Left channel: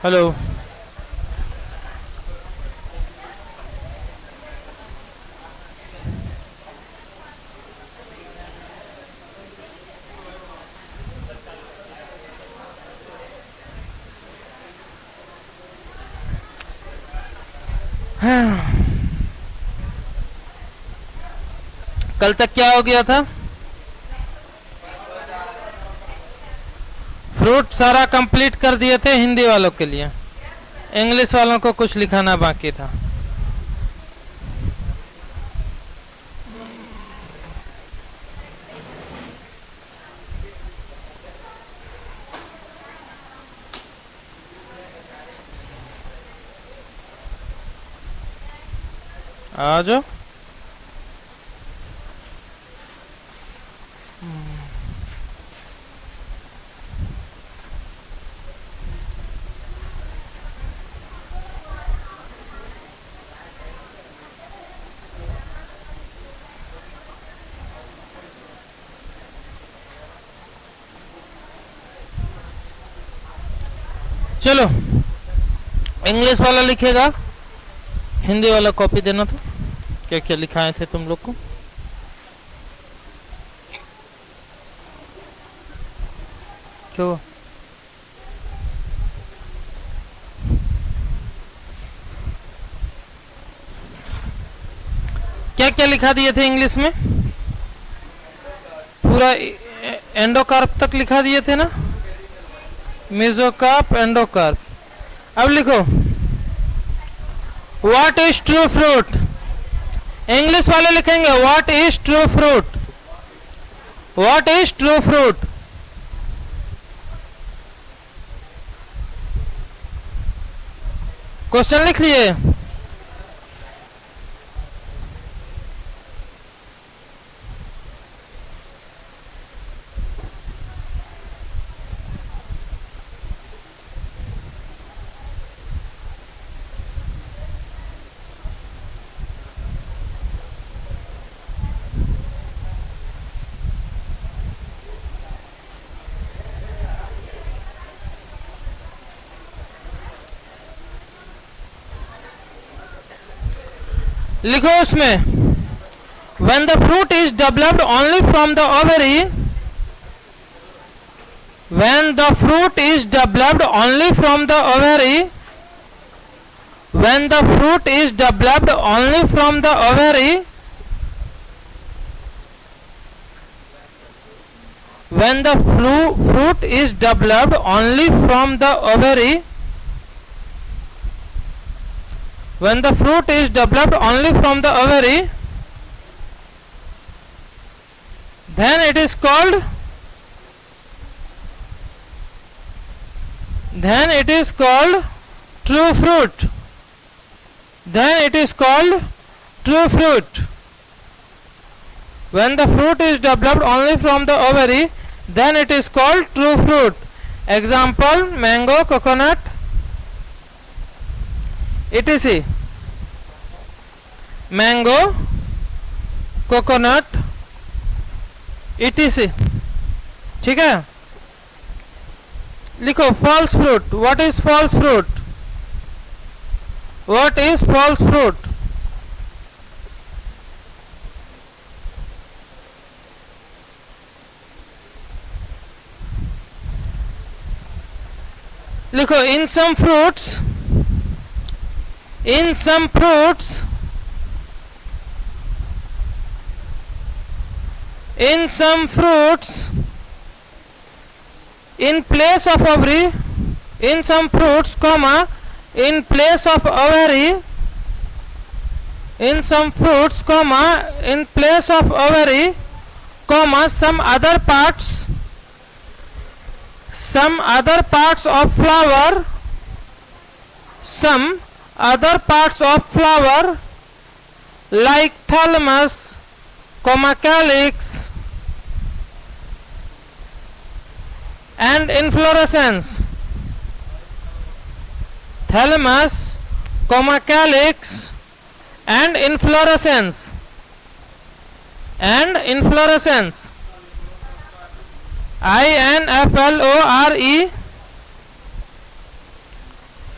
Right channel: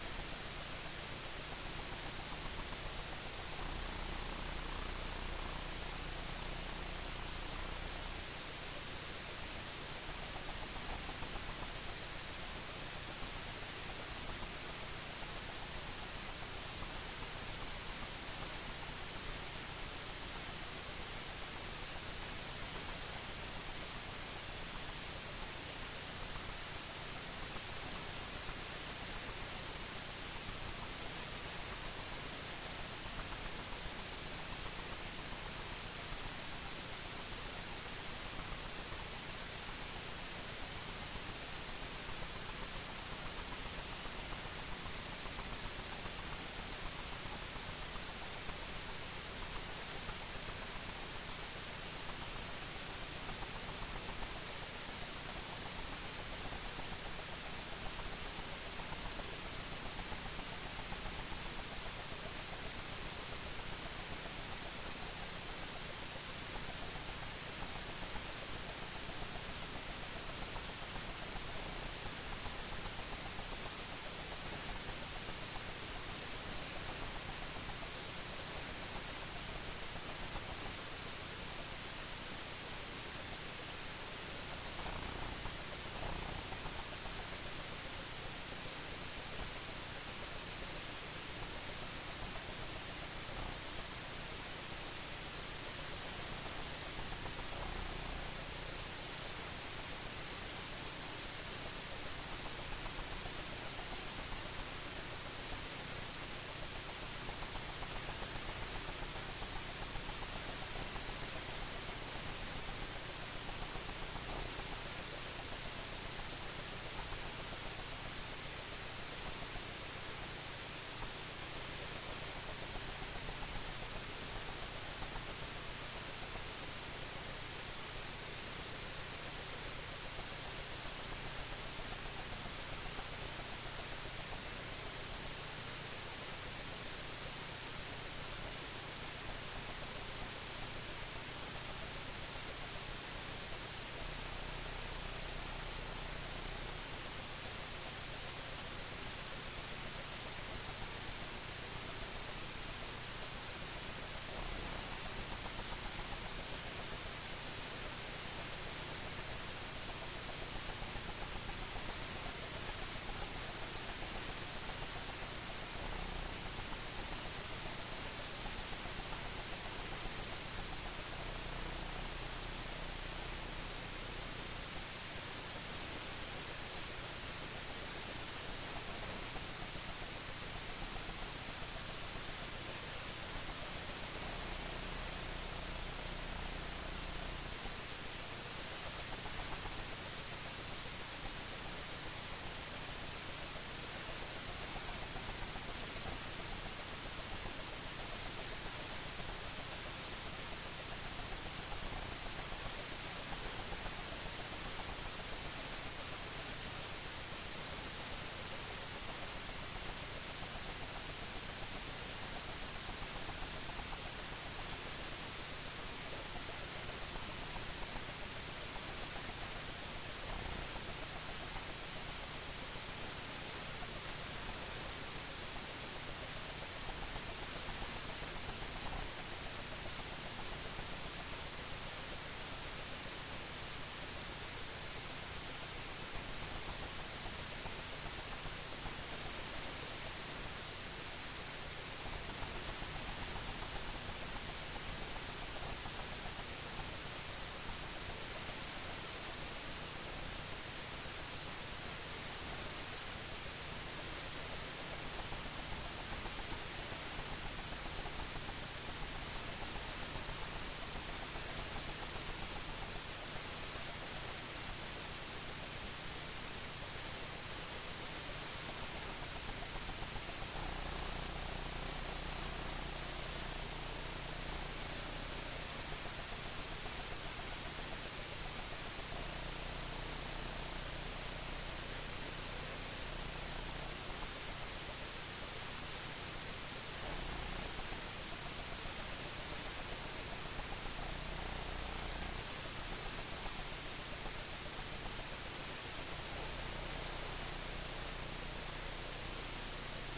Hello. कल तक क्या हो गया था? फ्रूट सारा कंप्लीट कर दिए थे हिंदी वालों के लिए, इंग्लिश वालों को कुछ लिखाना बाकी था। आ जाओ। चलो, इंग्लिश वाला लिखेगा, हिंदी वाला कॉपी देना था। क्या क्या लिखाए थे तुम लोग को? क्यों? क्या क्या लिखा दिए थे इंग्लिश में? पूरा एंडोकार्प तक लिखा दिए थे ना, मेसोकार्प, एंडोकार्प। अब लिखो, what is true fruit. English वाले लिखेंगे what is true fruit, what is true fruit. Question लिख लिए? लिखो उसमें, when the fruit is developed only from the ovary, when the fruit is developed only from the ovary, when the fruit is developed only from the ovary, when the fruit is developed only from the ovary, when the fruit is developed only from the ovary, then it is called, then it is called true fruit, then it is called true fruit. When the fruit is developed only from the ovary, then it is called true fruit. Example, mango, coconut, etc. Mango, coconut, etc. ठीक है। लिखो false fruit. What is false fruit? What is false fruit? लिखो इन some fruits, in some fruits, in some fruits, in place of ovary, in some fruits, comma, in place of ovary, in some fruits, comma, in place of ovary, comma, some other parts of flower, some other parts of flower like thalamus, comma, calyx and inflorescence, thalamus, comma, calyx and inflorescence, and inflorescence, inflore,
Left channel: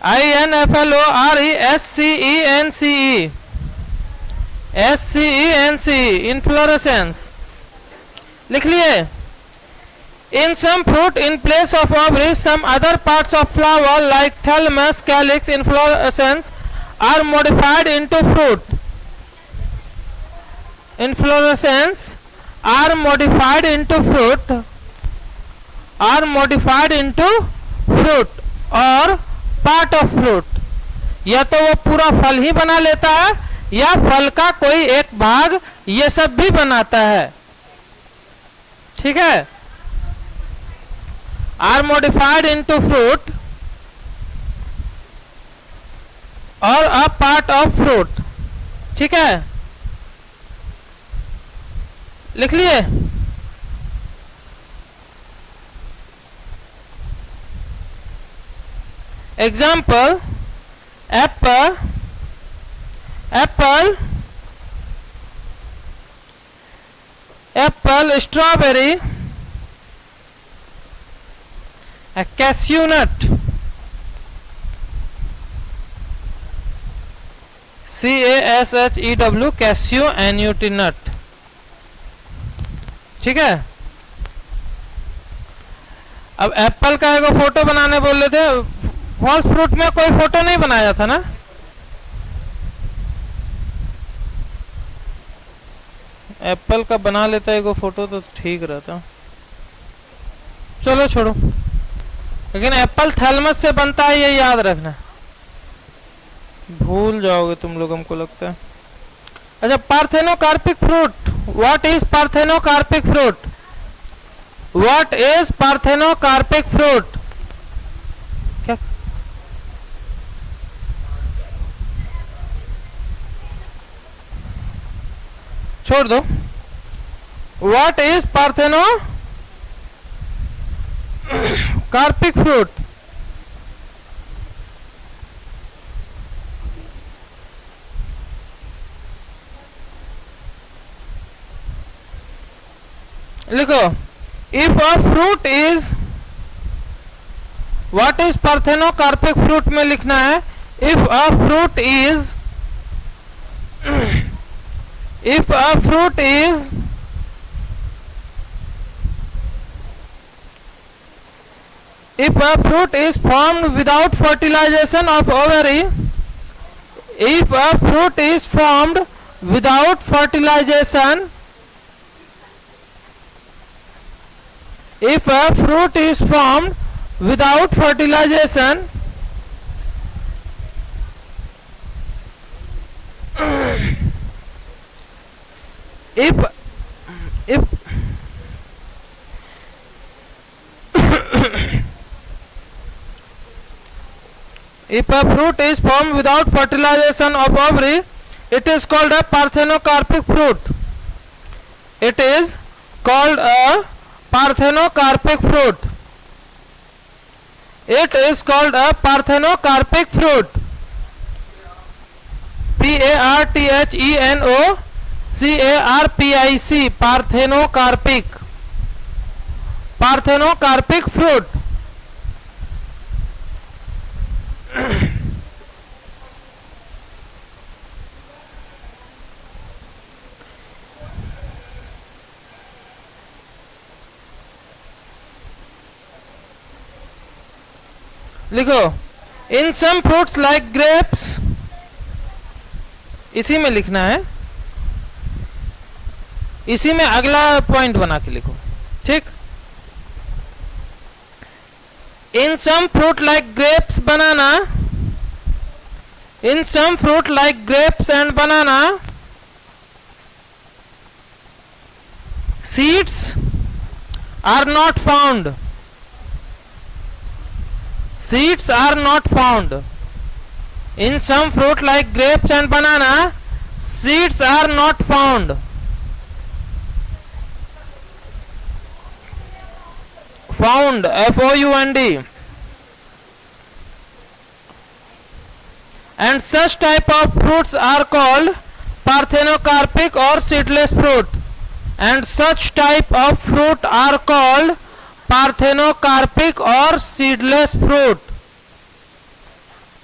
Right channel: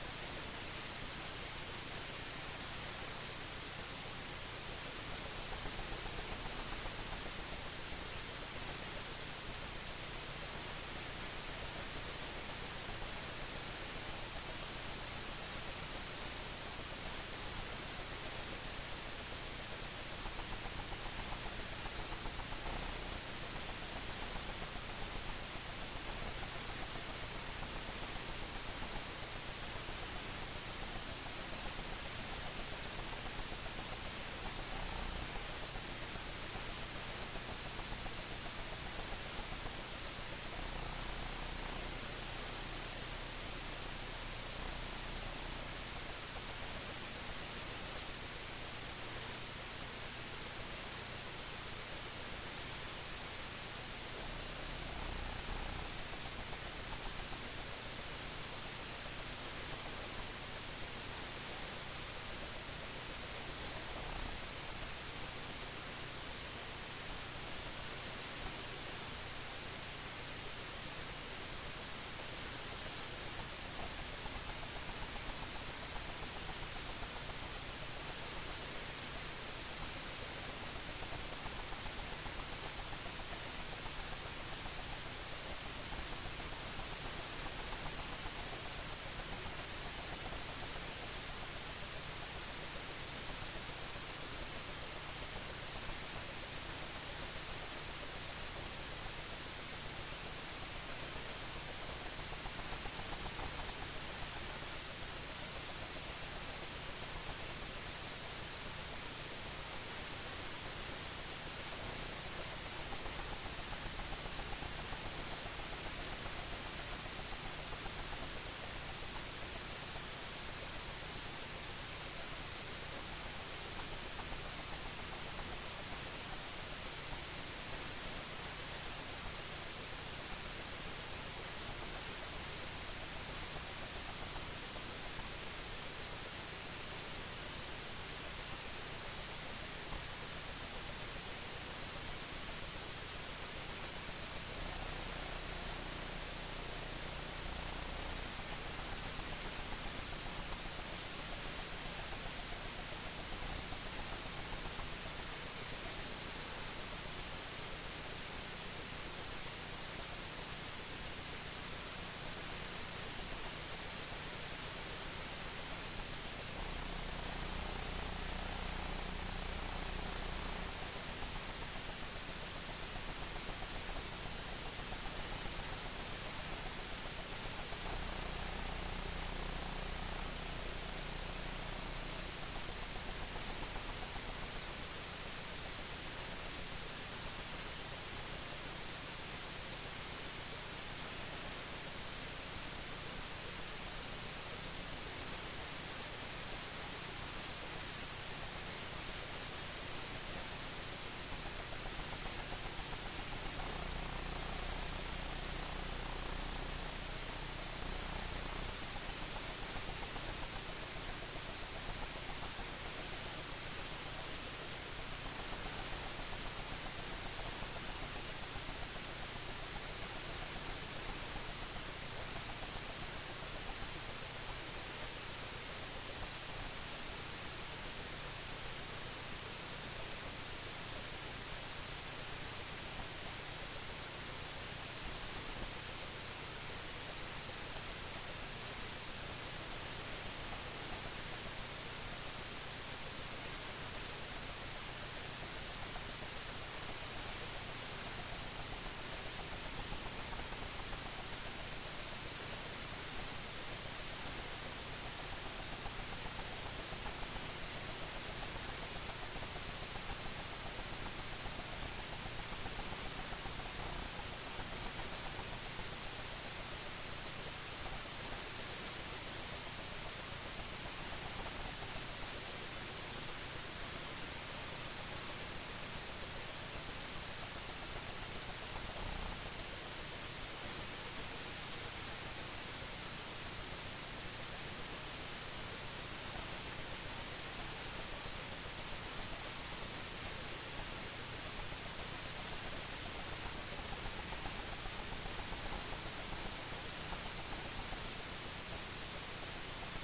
INFLORESCENCE, SCENCE, inflorescence. लिख लिए. In some fruit, in place of ovary, some other parts of flower like thalamus, calyx, inflorescence are modified into fruit. Inflorescence are modified into fruit, are modified into fruit और part of fruit. या तो वो पूरा फल ही बना लेता है या फल का कोई एक भाग ये सब भी बनाता है. ठीक है. आर मॉडिफाइड इनटू फ्रूट और अ पार्ट ऑफ फ्रूट. ठीक है. लिख लिए. Example Apple, Apple, Apple, strawberry, cashew नट, CASHEW, कैश्यू, NUT, नट. ठीक है. अब एप्पल का एक फोटो बनाने बोल रहे थे. फॉल्स फ्रूट में कोई फोटो नहीं बनाया था ना. एप्पल का बना लेता है फोटो तो ठीक रहता. चलो छोड़ो. लेकिन एप्पल थैलमस से बनता है, ये याद रखना. भूल जाओगे तुम लोग, हमको लगता है. अच्छा, parthenocarpic fruit. What is parthenocarpic fruit? What is parthenocarpic fruit? क्या? छोड़ दो. What is parthenocarpic fruit? लिखो. If a fruit is, what is parthenocarpic fruit में लिखना है. If a fruit is, if a fruit is formed without fertilization of ovary, if a fruit is formed without fertilization, if a fruit is formed without fertilization, if if a fruit is formed without fertilization of ovary, it is called a parthenocarpic fruit. It is called a parthenocarpic fruit. It is called a parthenocarpic fruit. PARTHENOCARPIC, parthenocarpic, parthenocarpic fruit. लिखो. इन some fruits like grapes, इसी में लिखना है. इसी में अगला point बना के लिखो. ठीक. इन सम fruit like grapes, banana. In some fruit like grapes and banana, seeds are not found. Seeds are not found. In some fruit like grapes and banana, seeds are not found. Found, F-O-U-N-D. And such type of fruits are called parthenocarpic or seedless fruit. And such type of fruit are called parthenocarpic or seedless fruit.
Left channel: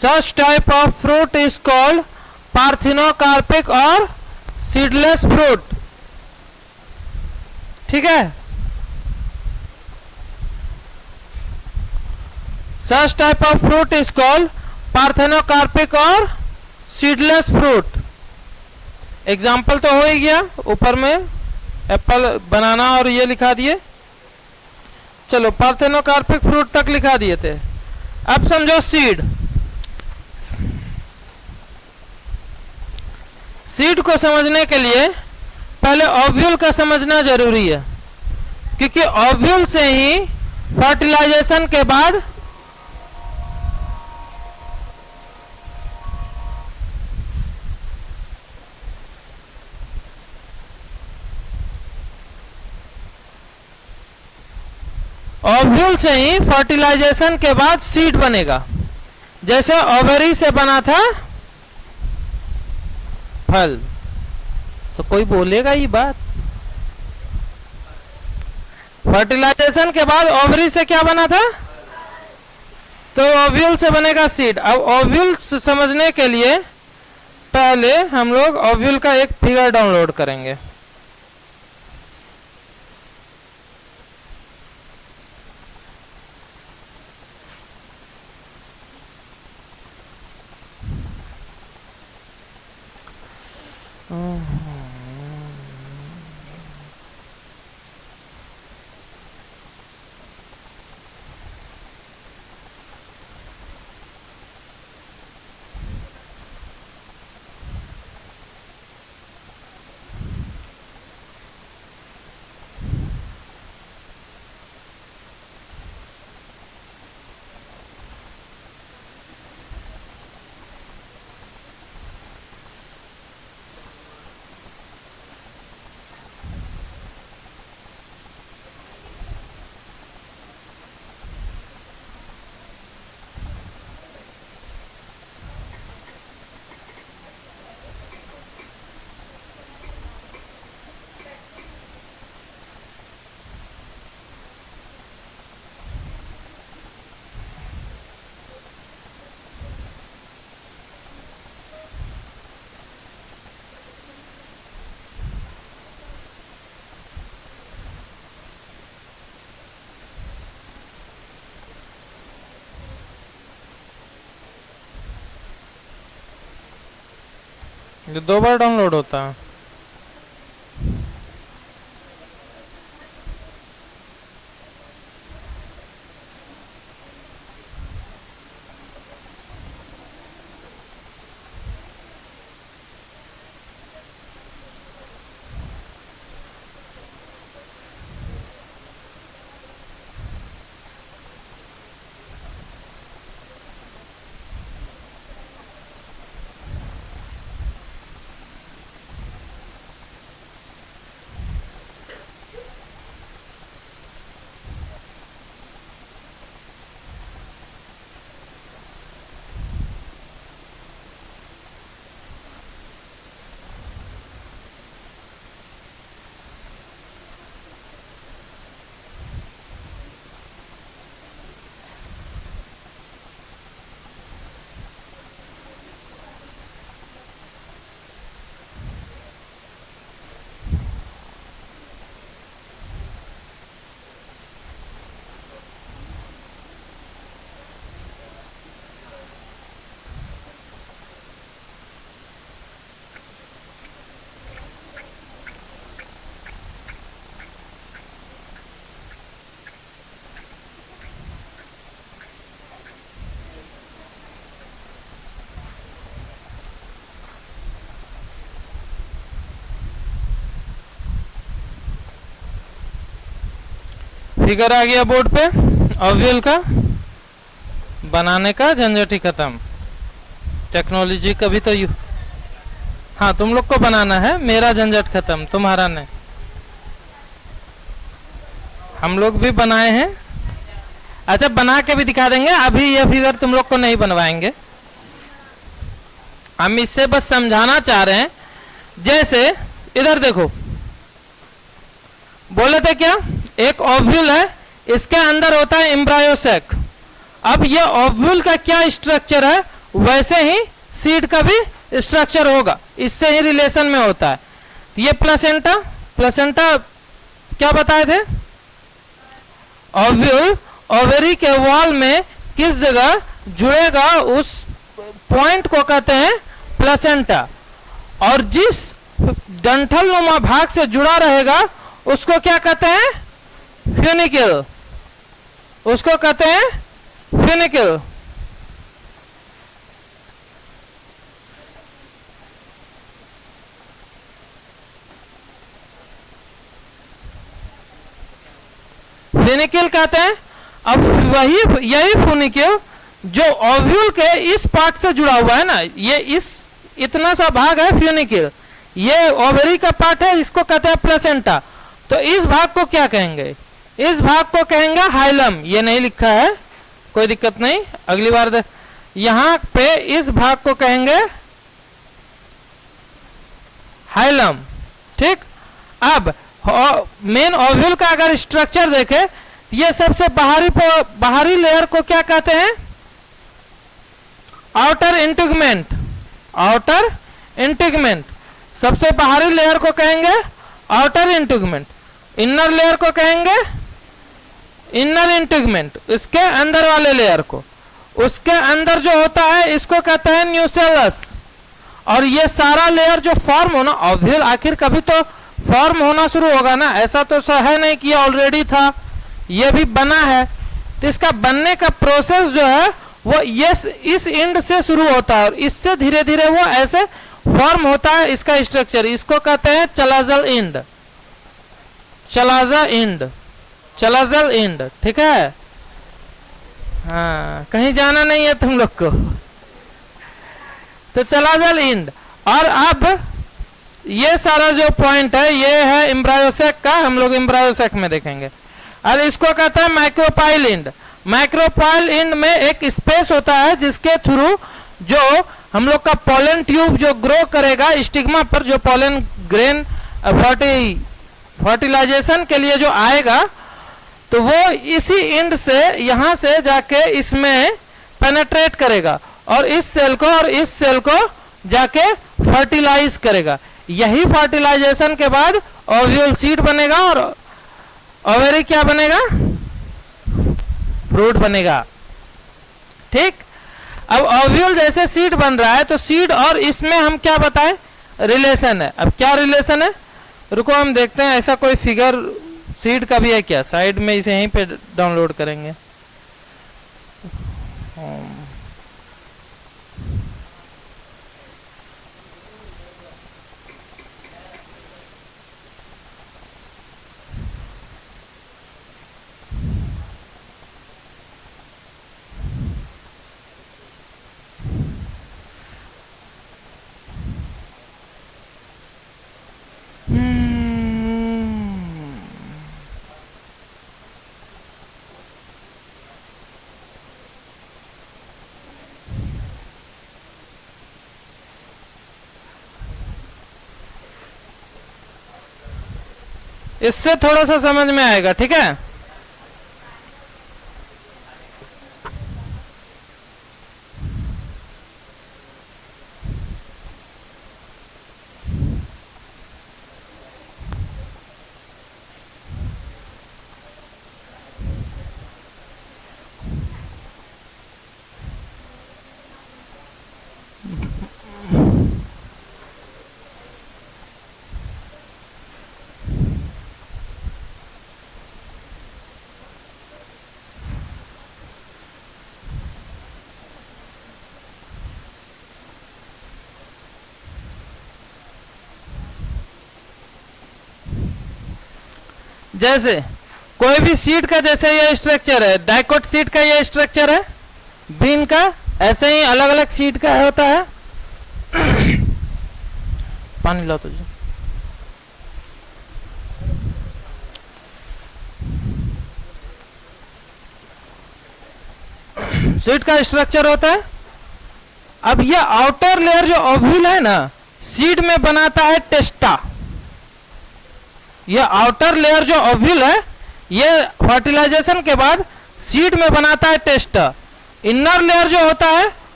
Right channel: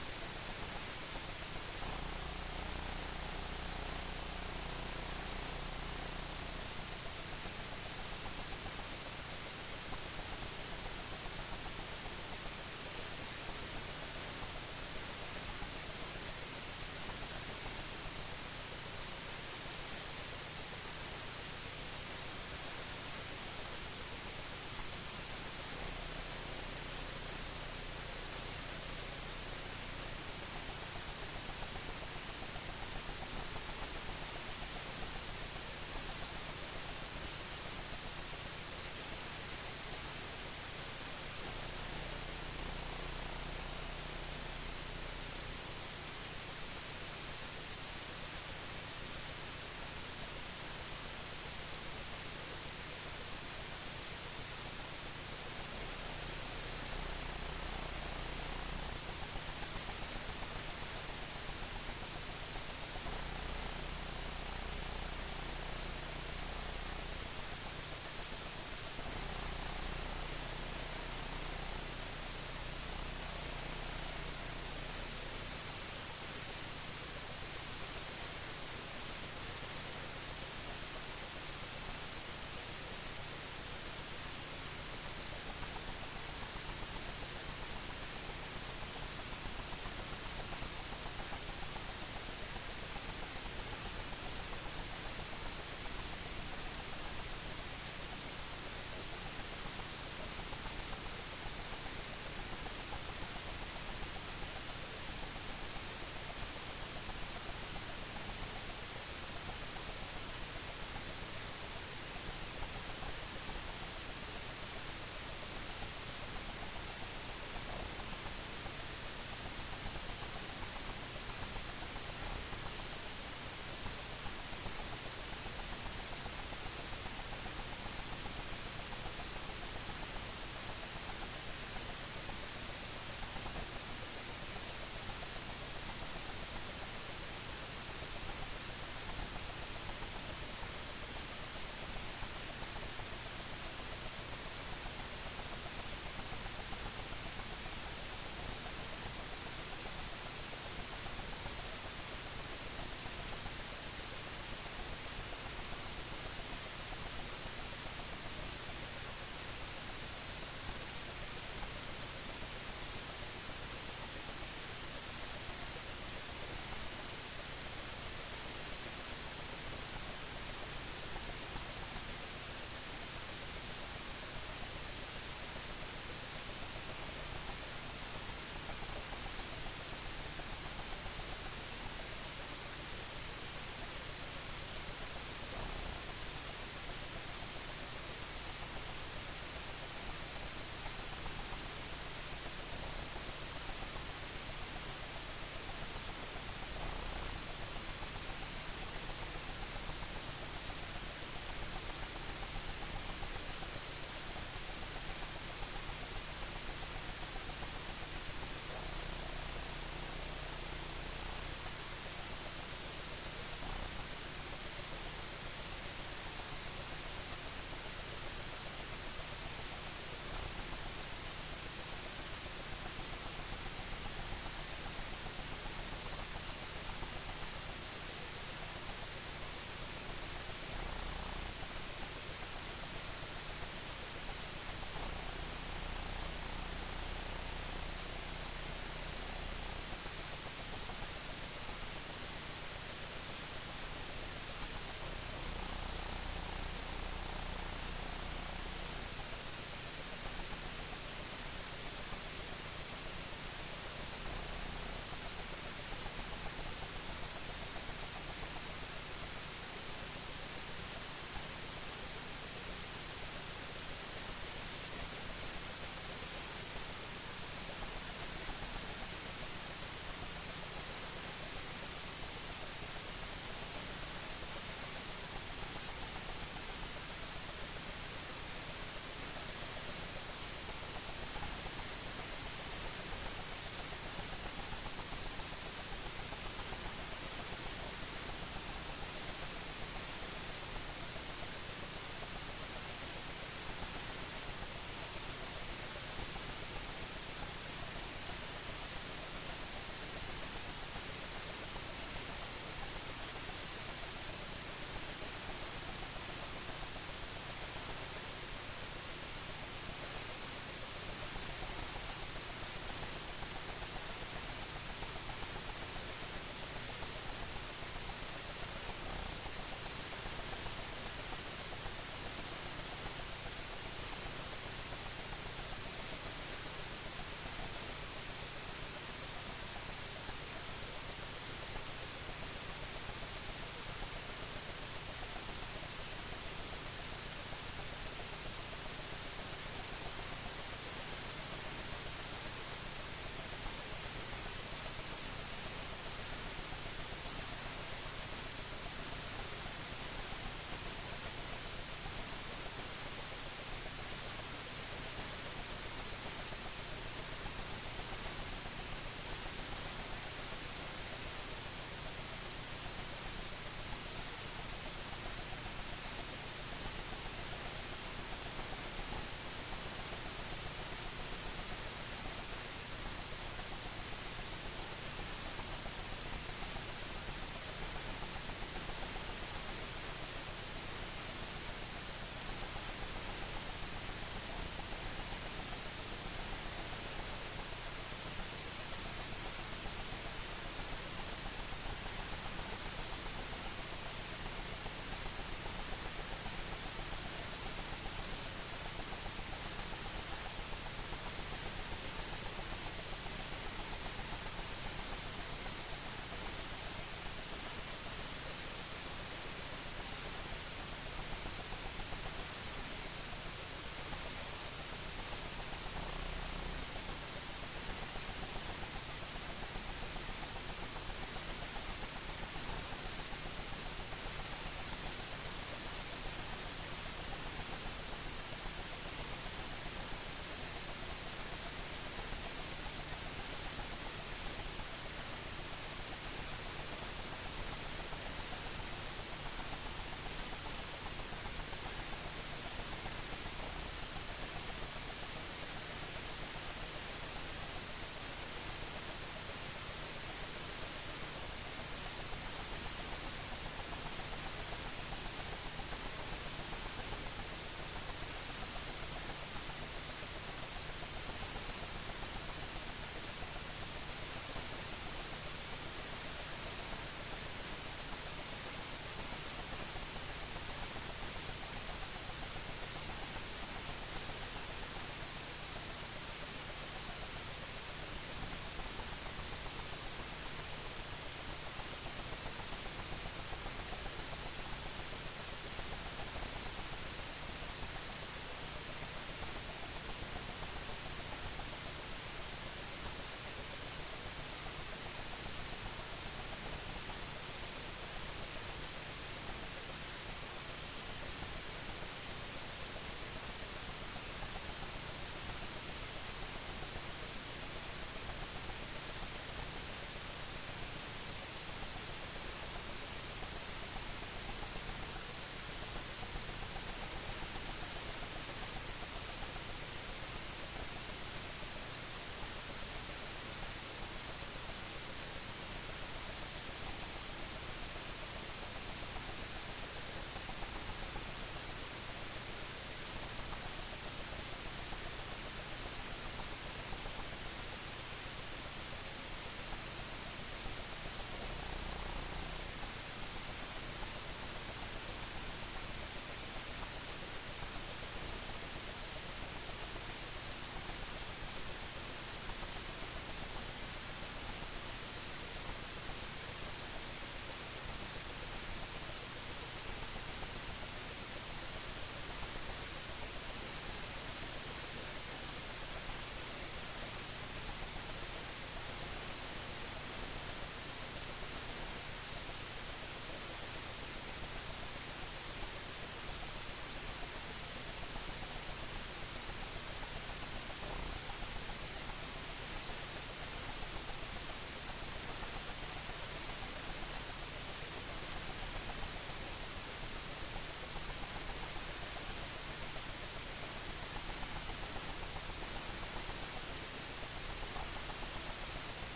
Such type of fruit is called parthenocarpic और seedless fruit. ठीक है, such type of fruit is called parthenocarpic और seedless fruit. Example तो हो ही गया, ऊपर में Apple, बनाना और ये लिखा दिए। चलो पार्थिनोकार्पिक फ्रूट तक लिखा दिए थे। अब समझो सीड। सीड को समझने के लिए पहले ओव्यूल का समझना जरूरी है, क्योंकि ओव्यूल से ही फर्टिलाइजेशन के बाद ओव्यूल से ही फर्टिलाइजेशन के बाद सीड बनेगा। जैसे ओवरी से बना था फल। तो कोई बोलेगा ये बात, फर्टिलाइजेशन के बाद ओवरी से क्या बना था, तो ओव्यूल से बनेगा सीड। अब ओव्यूल समझने के लिए पहले हम लोग ओव्यूल का एक फिगर डाउनलोड करेंगे। ये 2 बार डाउनलोड होता है। फिगर आ गया बोर्ड पे। ओव्यूल का बनाने का झंझट ही खत्म। टेक्नोलॉजी कभी तो हाँ तुम लोग को बनाना है, मेरा झंझट खत्म, तुम्हारा नहीं। हम लोग भी बनाए हैं। अच्छा बना के भी दिखा देंगे, अभी ये फिगर तुम लोग को नहीं बनवाएंगे, हम इससे बस समझाना चाह रहे हैं। जैसे इधर देखो, बोले थे क्या, एक ओव्यूल है, इसके अंदर होता है एम्ब्रायो सैक। अब ये ओव्यूल का क्या स्ट्रक्चर है वैसे ही सीड का भी स्ट्रक्चर होगा, इससे ही रिलेशन में होता है। ये प्लेसेंटा, प्लेसेंटा क्या बताए थे? ओव्यूल ओवेरी के वॉल में किस जगह जुड़ेगा उस पॉइंट को कहते हैं प्लेसेंटा, और जिस डंठल नुमा भाग से जुड़ा रहेगा उसको क्या कहते हैं? फ्यूनिकल, उसको कहते हैं फ्यूनिकल। फ्यूनिकल कहते हैं। अब वही यही फ्यूनिकल जो ओव्यूल के इस पार्ट से जुड़ा हुआ है ना, ये इस इतना सा भाग है फ्यूनिकल, ये ओवरी का पार्ट है, इसको कहते हैं प्लेसेंटा। तो इस भाग को क्या कहेंगे? इस भाग को कहेंगे हाइलम। ये नहीं लिखा है, कोई दिक्कत नहीं, अगली बार यहां पे इस भाग को कहेंगे हाइलम। ठीक, अब मेन ओव्यूल का अगर स्ट्रक्चर देखें, ये सबसे बाहरी लेयर को क्या कहते हैं? Outer इंटीगमेंट, outer इंटीगमेंट। सबसे बाहरी लेयर को कहेंगे आउटर इंटीगमेंट, इनर लेयर को कहेंगे इनर इंटीगमेंट, इसके अंदर वाले लेयर को, उसके अंदर जो होता है इसको कहते हैं न्यूसेलस। और ये सारा लेयर जो फॉर्म होना, ओव्यूल आखिर कभी तो फॉर्म होना शुरू होगा ना, ऐसा तो है नहीं कि ऑलरेडी था, ये भी बना है। तो इसका बनने का प्रोसेस जो है वो ये इस एंड से शुरू होता है और इससे धीरे धीरे वो ऐसे फॉर्म होता है इसका स्ट्रक्चर। इसको कहते हैं chalazal end, chalaza and, chalazal end. ठीक है, हाँ, कहीं जाना नहीं है तुम लोग को। तो चलाजल एंड। और अब ये सारा जो पॉइंट है ये है एम्ब्रायोसेक का, हम लोग एम्ब्रायोसेक में देखेंगे। और इसको कहते हैं माइक्रोपाइल एंड। माइक्रोपाइल एंड में एक स्पेस होता है जिसके थ्रू जो हम लोग का पोलन ट्यूब जो ग्रो करेगा स्टिग्मा पर, जो पोलन ग्रेन फर्टिलाइजेशन के लिए जो आएगा, तो वो इसी एंड से यहां से जाके इसमें पेनेट्रेट करेगा और इस सेल को और इस सेल को जाके फर्टिलाइज करेगा। यही फर्टिलाइजेशन के बाद ओव्यूल सीड बनेगा और ओवेरी क्या बनेगा? फ्रूट बनेगा। ठीक, अब ओव्यूल जैसे सीड बन रहा है तो सीड और इसमें हम क्या बताएं? रिलेशन है। अब क्या रिलेशन है? रुको हम देखते हैं, ऐसा कोई फिगर सीड का भी है क्या? साइड में इसे यहीं पे डाउनलोड करेंगे। इससे थोड़ा सा समझ में आएगा। ठीक है, जैसे कोई भी सीड का जैसे ये स्ट्रक्चर है, डाइकोट सीड का ये स्ट्रक्चर है, बीन का ऐसे ही अलग अलग सीड का होता है। पानी लो तुझे। सीड का स्ट्रक्चर होता है। अब ये आउटर लेयर जो ओव्यूल है ना, सीड में बनाता है टेस्टा। ये आउटर लेयर जो ओव्यूल है ये फर्टिलाइजेशन के बाद सीड में बनाता है टेस्टा। इनर लेयर जो होता है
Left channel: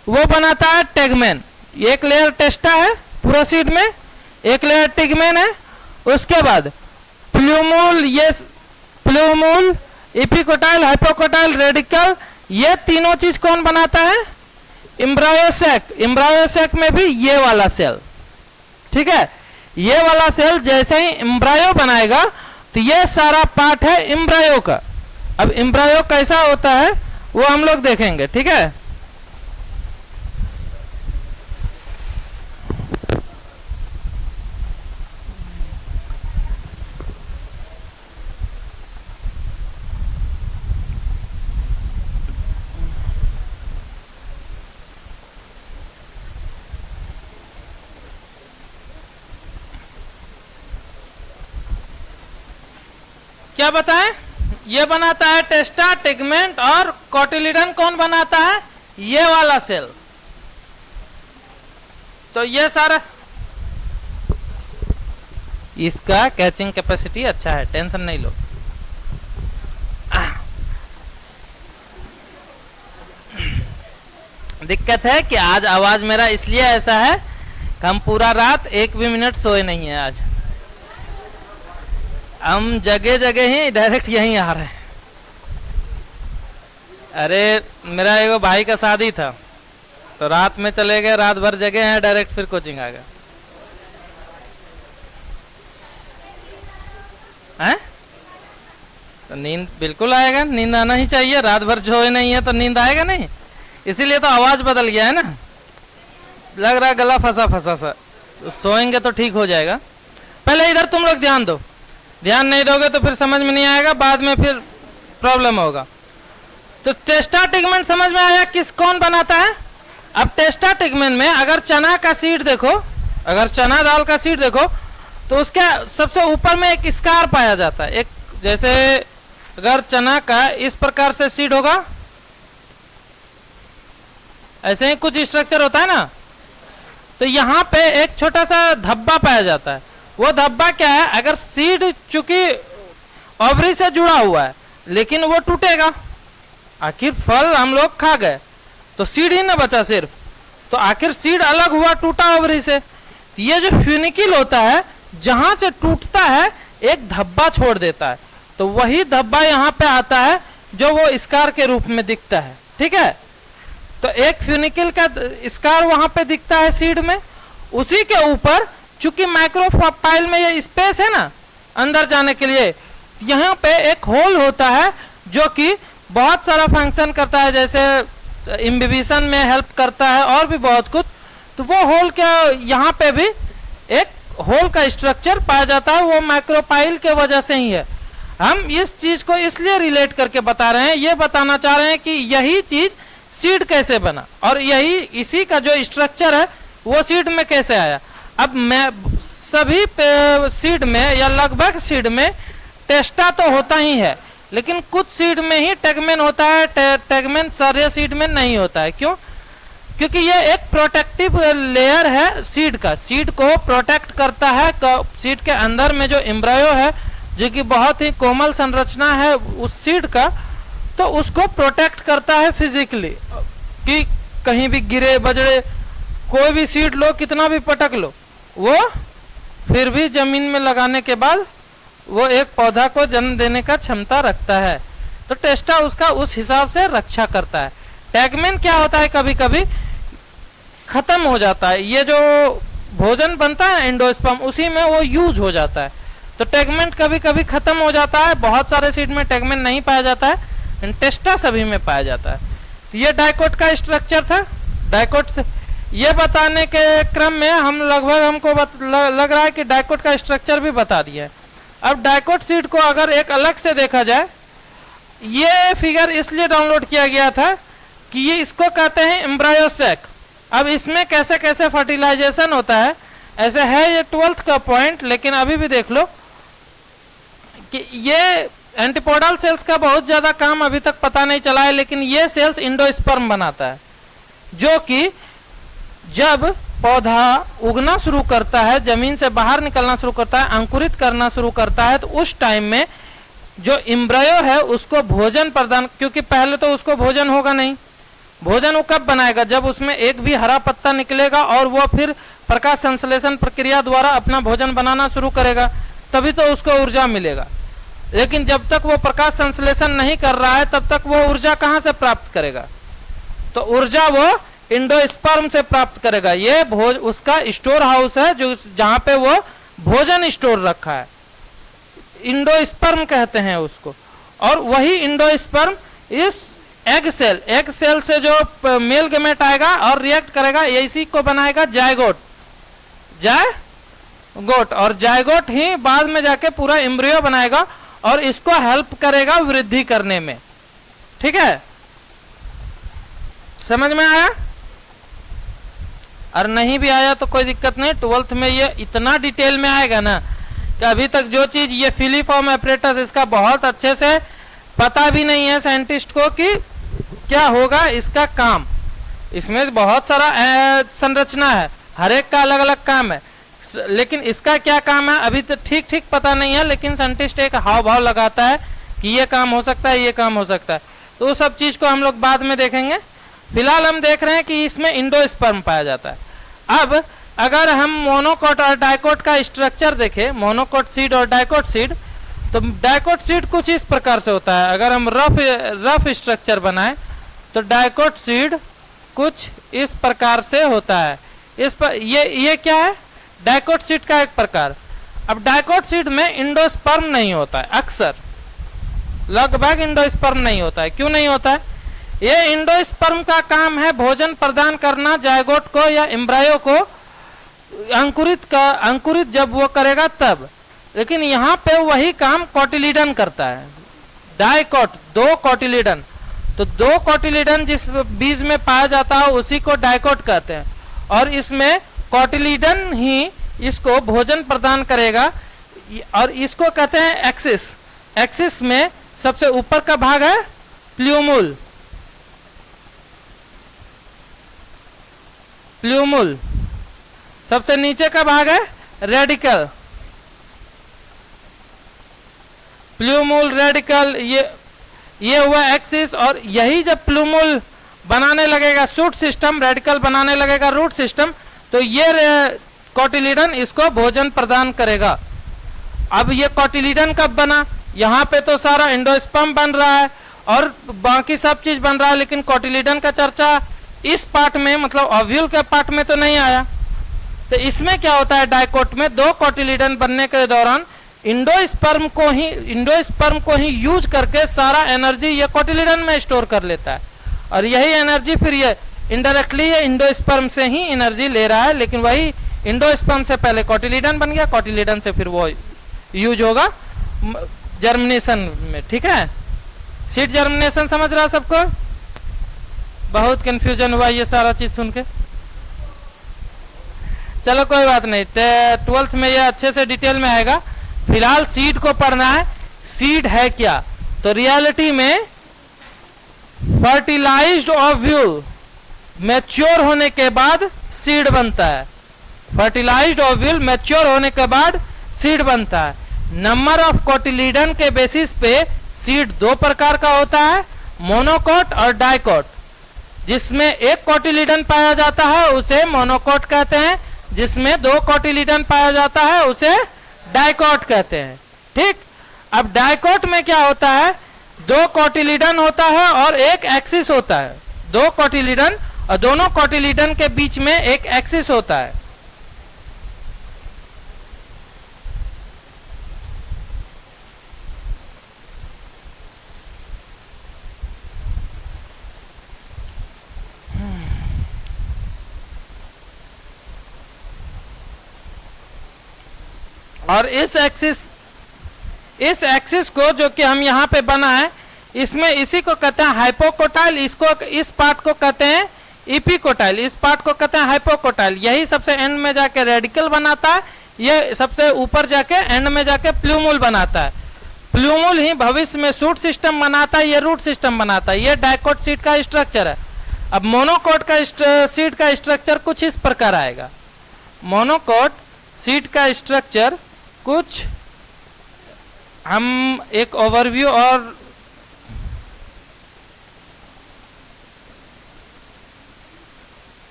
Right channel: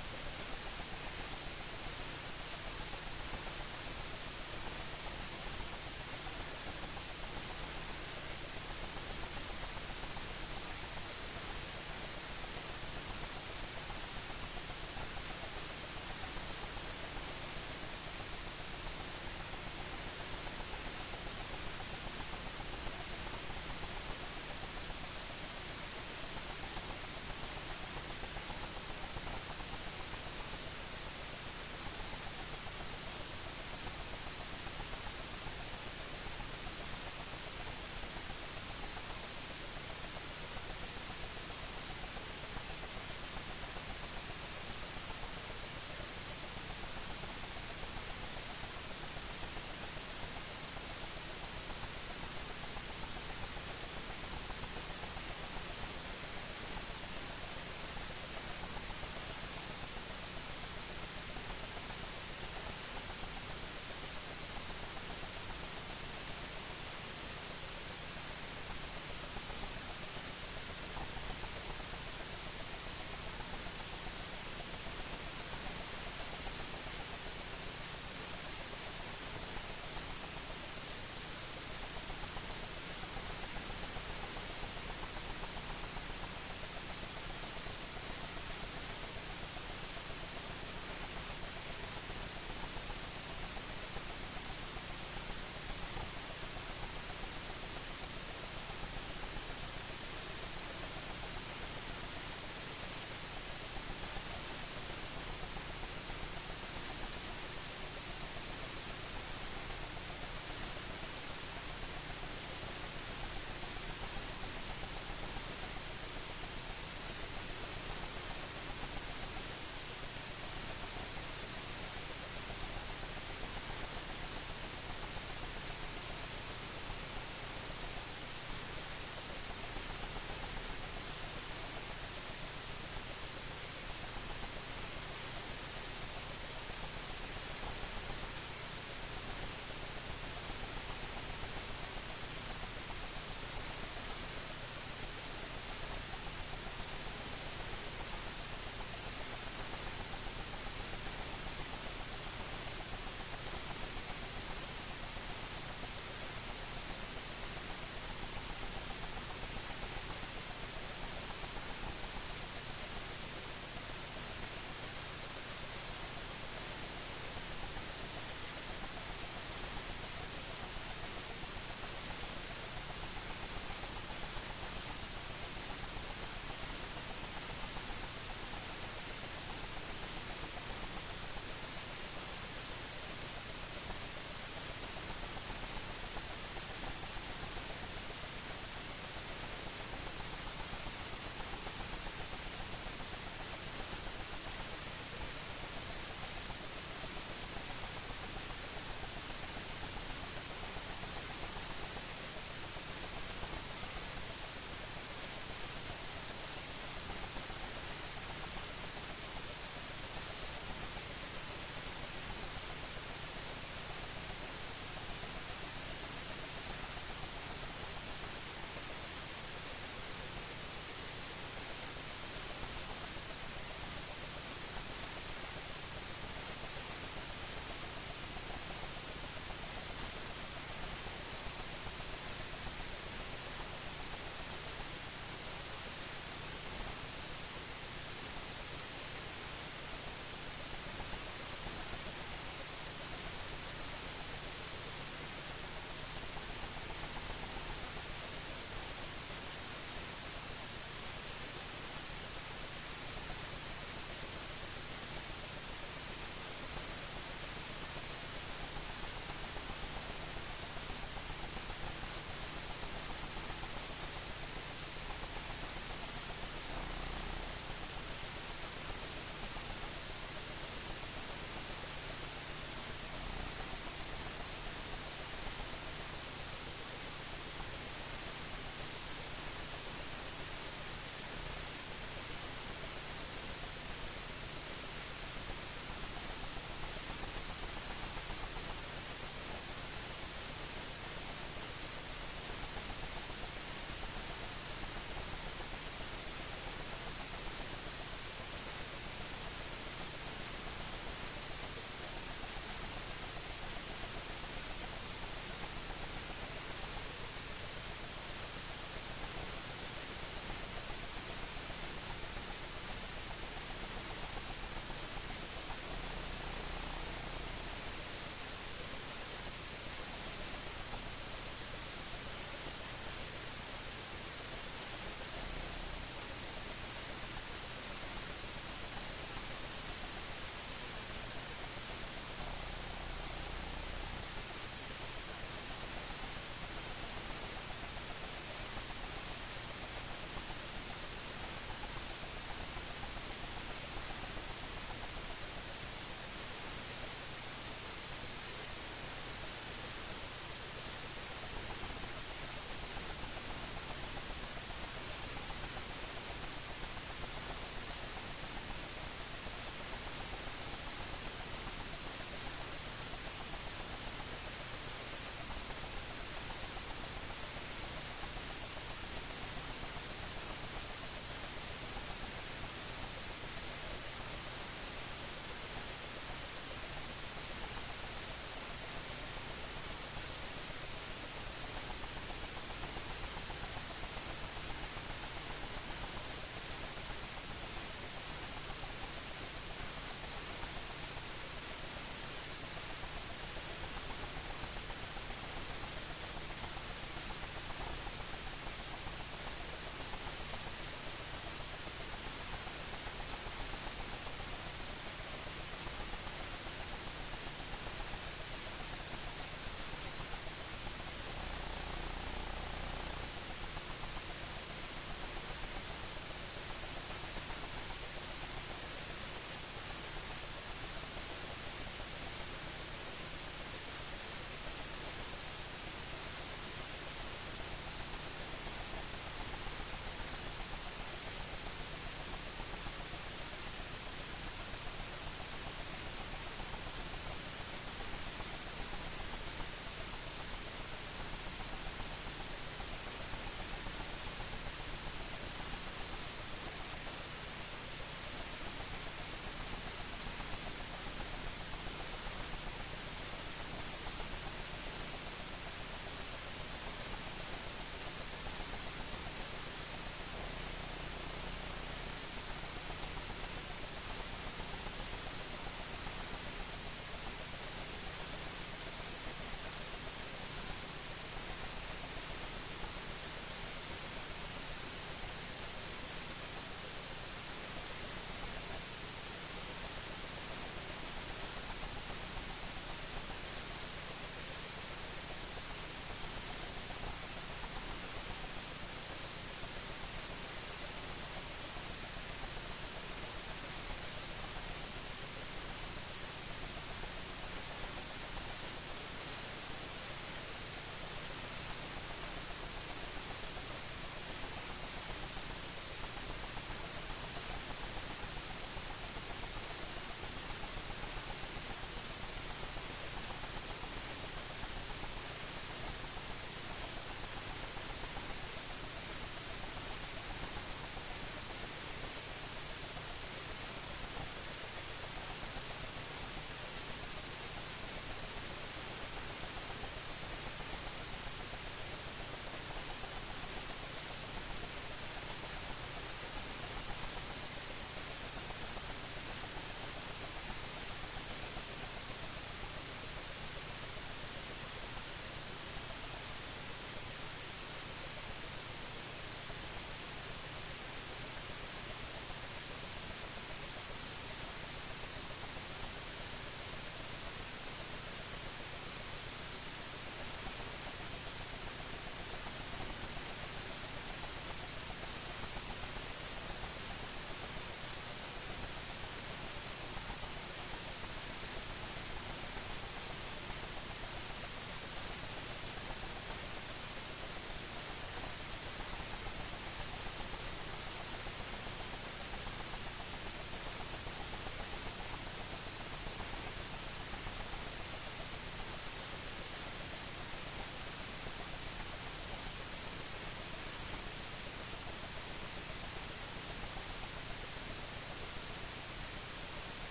वो बनाता है टेगमेन। एक लेयर टेस्टा है पूरा सीड में, एक लेयर टेगमेन है। उसके बाद प्लूमूल, ये प्लूमूल, इपिकोटाइल, हाइपोकोटाइल, रेडिकल, ये तीनों चीज कौन बनाता है? एम्ब्रायोसेक। एम्ब्रायोसेक में भी ये वाला सेल, ठीक है, ये वाला सेल जैसे ही एम्ब्रायो बनाएगा तो ये सारा पार्ट है एम्ब्रायो का। अब एम्ब्रायो कैसा होता है वो हम लोग देखेंगे, ठीक है। क्या बताएं? ये बनाता है टेस्टा, टेगमेंट और कोटिलिडन कौन बनाता है? ये वाला सेल। तो ये सारा, इसका कैचिंग कैपेसिटी अच्छा है, टेंशन नहीं लो। दिक्कत है कि आज आवाज मेरा इसलिए ऐसा है कि हम पूरा रात एक भी मिनट सोए नहीं है। आज हम जगह जगह ही डायरेक्ट यहीं आ रहे हैं। अरे मेरा एगो भाई का शादी था तो रात में चले गए, रात भर जगह हैं, डायरेक्ट फिर कोचिंग आ गया हैं। तो नींद बिल्कुल आएगा, नींद आना ही चाहिए। रात भर सोए नहीं है तो नींद आएगा नहीं, इसीलिए तो आवाज बदल गया है ना। लग रहा है गला फंसा फंसा सा, तो सोएंगे तो ठीक हो जाएगा। पहले इधर तुम लोग ध्यान दो, ध्यान नहीं दोगे तो फिर समझ में नहीं आएगा, बाद में फिर प्रॉब्लम होगा। तो टेस्टा टेगमेंट समझ में आया किस कौन बनाता है? अब टेस्टा टेगमेंट में अगर चना का सीड देखो, अगर चना दाल का सीड देखो तो उसके सबसे ऊपर में एक स्कार पाया जाता है। एक जैसे अगर चना का इस प्रकार से सीड होगा, ऐसे ही कुछ स्ट्रक्चर होता है ना, तो यहाँ पे एक छोटा सा धब्बा पाया जाता है। वो धब्बा क्या है? अगर सीड चूंकि ओवरी से जुड़ा हुआ है लेकिन वो टूटेगा, आखिर फल हम लोग खा गए तो सीड ही ना बचा सिर्फ, तो आखिर सीड अलग हुआ टूटा ओवरी से। ये जो फ्यूनिकिल होता है जहां से टूटता है एक धब्बा छोड़ देता है, तो वही धब्बा यहाँ पे आता है जो वो स्कार के रूप में दिखता है, ठीक है। तो एक फ्यूनिकिल का स्कार वहां पे दिखता है सीड में, उसी के ऊपर चूंकि माइक्रोपाइल में ये स्पेस है ना अंदर जाने के लिए, यहाँ पे एक होल होता है जो कि बहुत सारा फंक्शन करता है, जैसे इम्बिबिशन में हेल्प करता है और भी बहुत कुछ। तो वो होल क्या, यहाँ पे भी एक होल का स्ट्रक्चर पाया जाता है, वो माइक्रोपाइल के वजह से ही है। हम इस चीज को इसलिए रिलेट करके बता रहे हैं, ये बताना चाह रहे हैं कि यही चीज सीड कैसे बना और यही इसी का जो स्ट्रक्चर है वो सीड में कैसे आया। अब मैं सभी सीड में या लगभग सीड में टेस्टा तो होता ही है, लेकिन कुछ सीड में ही टेगमेन होता है, टेगमेन सारे सीड में नहीं होता है। क्यों? क्योंकि ये एक प्रोटेक्टिव लेयर है सीड का, सीड को प्रोटेक्ट करता है। सीड के अंदर में जो एम्ब्रायो है जो कि बहुत ही कोमल संरचना है उस सीड का, तो उसको प्रोटेक्ट करता है फिजिकली कि कहीं भी गिरे बजड़े, कोई भी सीड लो कितना भी पटक लो, वो फिर भी जमीन में लगाने के बाद वो एक पौधा को जन्म देने का क्षमता रखता है। तो टेस्टा उसका उस हिसाब से रक्षा करता है। टेगमेन क्या होता है, कभी कभी खत्म हो जाता है, ये जो भोजन बनता है एंडोस्पर्म उसी में वो यूज हो जाता है, तो टेगमेंट कभी कभी खत्म हो जाता है। बहुत सारे सीड में टेगमेंट नहीं पाया जाता है, टेस्टा सभी में पाया जाता है। ये डाइकोट का स्ट्रक्चर था। डाइकोट से ये बताने के क्रम में हम लगभग हमको लग रहा है कि डाइकोट का स्ट्रक्चर भी बता दिया है। अब डाइकोट सीड को अगर एक अलग से देखा जाए, ये फिगर इसलिए डाउनलोड किया गया था कि ये इसको कहते हैं एम्ब्रायोसेक। अब इसमें कैसे कैसे फर्टिलाइजेशन होता है, ऐसे है ये 12th का पॉइंट, लेकिन अभी भी देख लो कि ये एंटीपोडल सेल्स का बहुत ज्यादा काम अभी तक पता नहीं चला है, लेकिन ये सेल्स इंडोस्पर्म बनाता है, जो कि जब पौधा उगना शुरू करता है, जमीन से बाहर निकलना शुरू करता है, अंकुरित करना शुरू करता है, तो उस टाइम में जो एम्ब्रायो है उसको भोजन प्रदान, क्योंकि पहले तो उसको भोजन होगा नहीं, भोजन वो कब बनाएगा? जब उसमें एक भी हरा पत्ता निकलेगा और वो फिर प्रकाश संश्लेषण प्रक्रिया द्वारा अपना भोजन बनाना शुरू करेगा, तभी तो उसको ऊर्जा मिलेगा। लेकिन जब तक वो प्रकाश संश्लेषण नहीं कर रहा है तब तक वो ऊर्जा कहाँ से प्राप्त करेगा? तो ऊर्जा वो इंडोस्पर्म से प्राप्त करेगा। ये उसका स्टोर हाउस है जो जहाँ पे वो भोजन स्टोर रखा है, इंडोस्पर्म कहते हैं उसको। और वही इंडोस्पर्म इस एग सेल से जो मेल गैमेट आएगा और रिएक्ट करेगा, इसी को बनाएगा जायगोट। और जायगोट ही बाद में जाके पूरा एम्ब्रियो बनाएगा और इसको हेल्प करेगा वृद्धि करने में। ठीक है, समझ में आया? और नहीं भी आया तो कोई दिक्कत नहीं, 12th में ये इतना डिटेल में आएगा ना कि अभी तक जो चीज ये फिलीफॉर्म एपरेटस, इसका बहुत अच्छे से पता भी नहीं है साइंटिस्ट को कि क्या होगा इसका काम। इसमें बहुत सारा संरचना है, हर एक का अलग अलग काम है, लेकिन इसका क्या काम है अभी तो ठीक ठीक पता नहीं है। लेकिन साइंटिस्ट एक हाव भाव लगाता है कि ये काम हो सकता है, ये काम हो सकता है। तो उस सब चीज को हम लोग बाद में देखेंगे। फिलहाल हम देख रहे हैं कि इसमें इंडोस्पर्म पाया जाता है। अब अगर हम मोनोकोट और डाइकोट का स्ट्रक्चर देखें, मोनोकोट सीड और डाइकोट सीड, तो डाइकोट सीड कुछ इस प्रकार से होता है। अगर हम रफ स्ट्रक्चर बनाएं तो डाइकोट सीड कुछ इस प्रकार से होता है। इस पर ये क्या है? डाइकोट सीड का एक प्रकार। अब डाइकोट सीड में इंडोस्पर्म नहीं होता है, अक्सर लगभग इंडोस्पर्म नहीं होता है। क्यों नहीं होता है? ये इंडोस्पर्म का काम है भोजन प्रदान करना जायगोट को या एम्ब्रायो को, अंकुरित जब वो करेगा तब। लेकिन यहाँ पे वही काम कोटिलीडन करता है। डाइकोट, दो कोटिलीडन, तो दो कोटिलीडन जिस बीज में पाया जाता है उसी को डाइकोट कहते हैं। और इसमें कोटिलीडन ही इसको भोजन प्रदान करेगा और इसको कहते हैं एक्सिस। एक्सिस में सबसे ऊपर का भाग है प्ल्यूमुल, सबसे नीचे का भाग है रेडिकल। प्ल्यूमुल, रेडिकल, ये हुआ एक्सिस। और यही जब प्ल्यूमुल बनाने लगेगा शूट सिस्टम, रेडिकल बनाने लगेगा रूट सिस्टम, तो ये कोटिलीडन इसको भोजन प्रदान करेगा। अब ये कोटिलीडन कब बना? यहाँ पे तो सारा इंडोस्पर्म बन रहा है और बाकी सब चीज बन रहा है, लेकिन कोटिलीडन का चर्चा इस पार्ट में, मतलब ओव्यूल के पार्ट में तो नहीं आया। तो इसमें क्या होता है? डाइकोट में दो कोटिलीडन बनने के दौरान इंडोस्पर्म को ही यूज करके सारा एनर्जी ये कोटिलीडन में स्टोर कर लेता है। और यही एनर्जी फिर ये इनडायरेक्टली ये इंडोस्पर्म से ही एनर्जी ले रहा है, लेकिन वही इंडोस्पर्म से पहले कोटिलीडन बन गया, कोटिलीडन से फिर वो यूज होगा जर्मिनेशन में। ठीक है, सीड जर्मिनेशन समझ रहा सबको? बहुत कंफ्यूजन हुआ ये सारा चीज सुन के। चलो कोई बात नहीं, 12th में ये अच्छे से डिटेल में आएगा। फिलहाल सीड को पढ़ना है। सीड है क्या? तो रियलिटी में फर्टिलाइज्ड ओव्यूल मैच्योर होने के बाद सीड बनता है। फर्टिलाइज्ड ओव्यूल मैच्योर होने के बाद सीड बनता है। नंबर ऑफ कोटिलीडन के बेसिस पे सीड दो प्रकार का होता है, मोनोकोट और डाइकोट। जिसमें एक कोटिलीडन पाया जाता है उसे मोनोकोट कहते हैं, जिसमें दो कोटिलीडन पाया जाता है उसे डाइकोट कहते हैं। ठीक, अब डाइकोट में क्या होता है? दो कोटिलीडन होता है और एक एक्सिस होता है। दो कोटिलीडन और दोनों कोटिलीडन के बीच में एक एक्सिस होता है। और इस एक्सिस को जो कि हम यहाँ पे बना है, इसमें इसी को कहते हैं हाइपोकोटाइल, इसको इस पार्ट को कहते हैं इपिकोटाइल, इस पार्ट को कहते हैं हाइपोकोटाइल। यही सबसे एंड में जाके रेडिकल बनाता है, ये सबसे ऊपर जाके एंड में जाके प्ल्यूमुल बनाता है। प्ल्यूमुल ही भविष्य में शूट सिस्टम बनाता है, ये रूट सिस्टम बनाता है। ये डाइकोट सीड का स्ट्रक्चर है। अब मोनोकोट का सीड का स्ट्रक्चर कुछ इस प्रकार आएगा। मोनोकोट सीड का स्ट्रक्चर कुछ हम एक ओवरव्यू और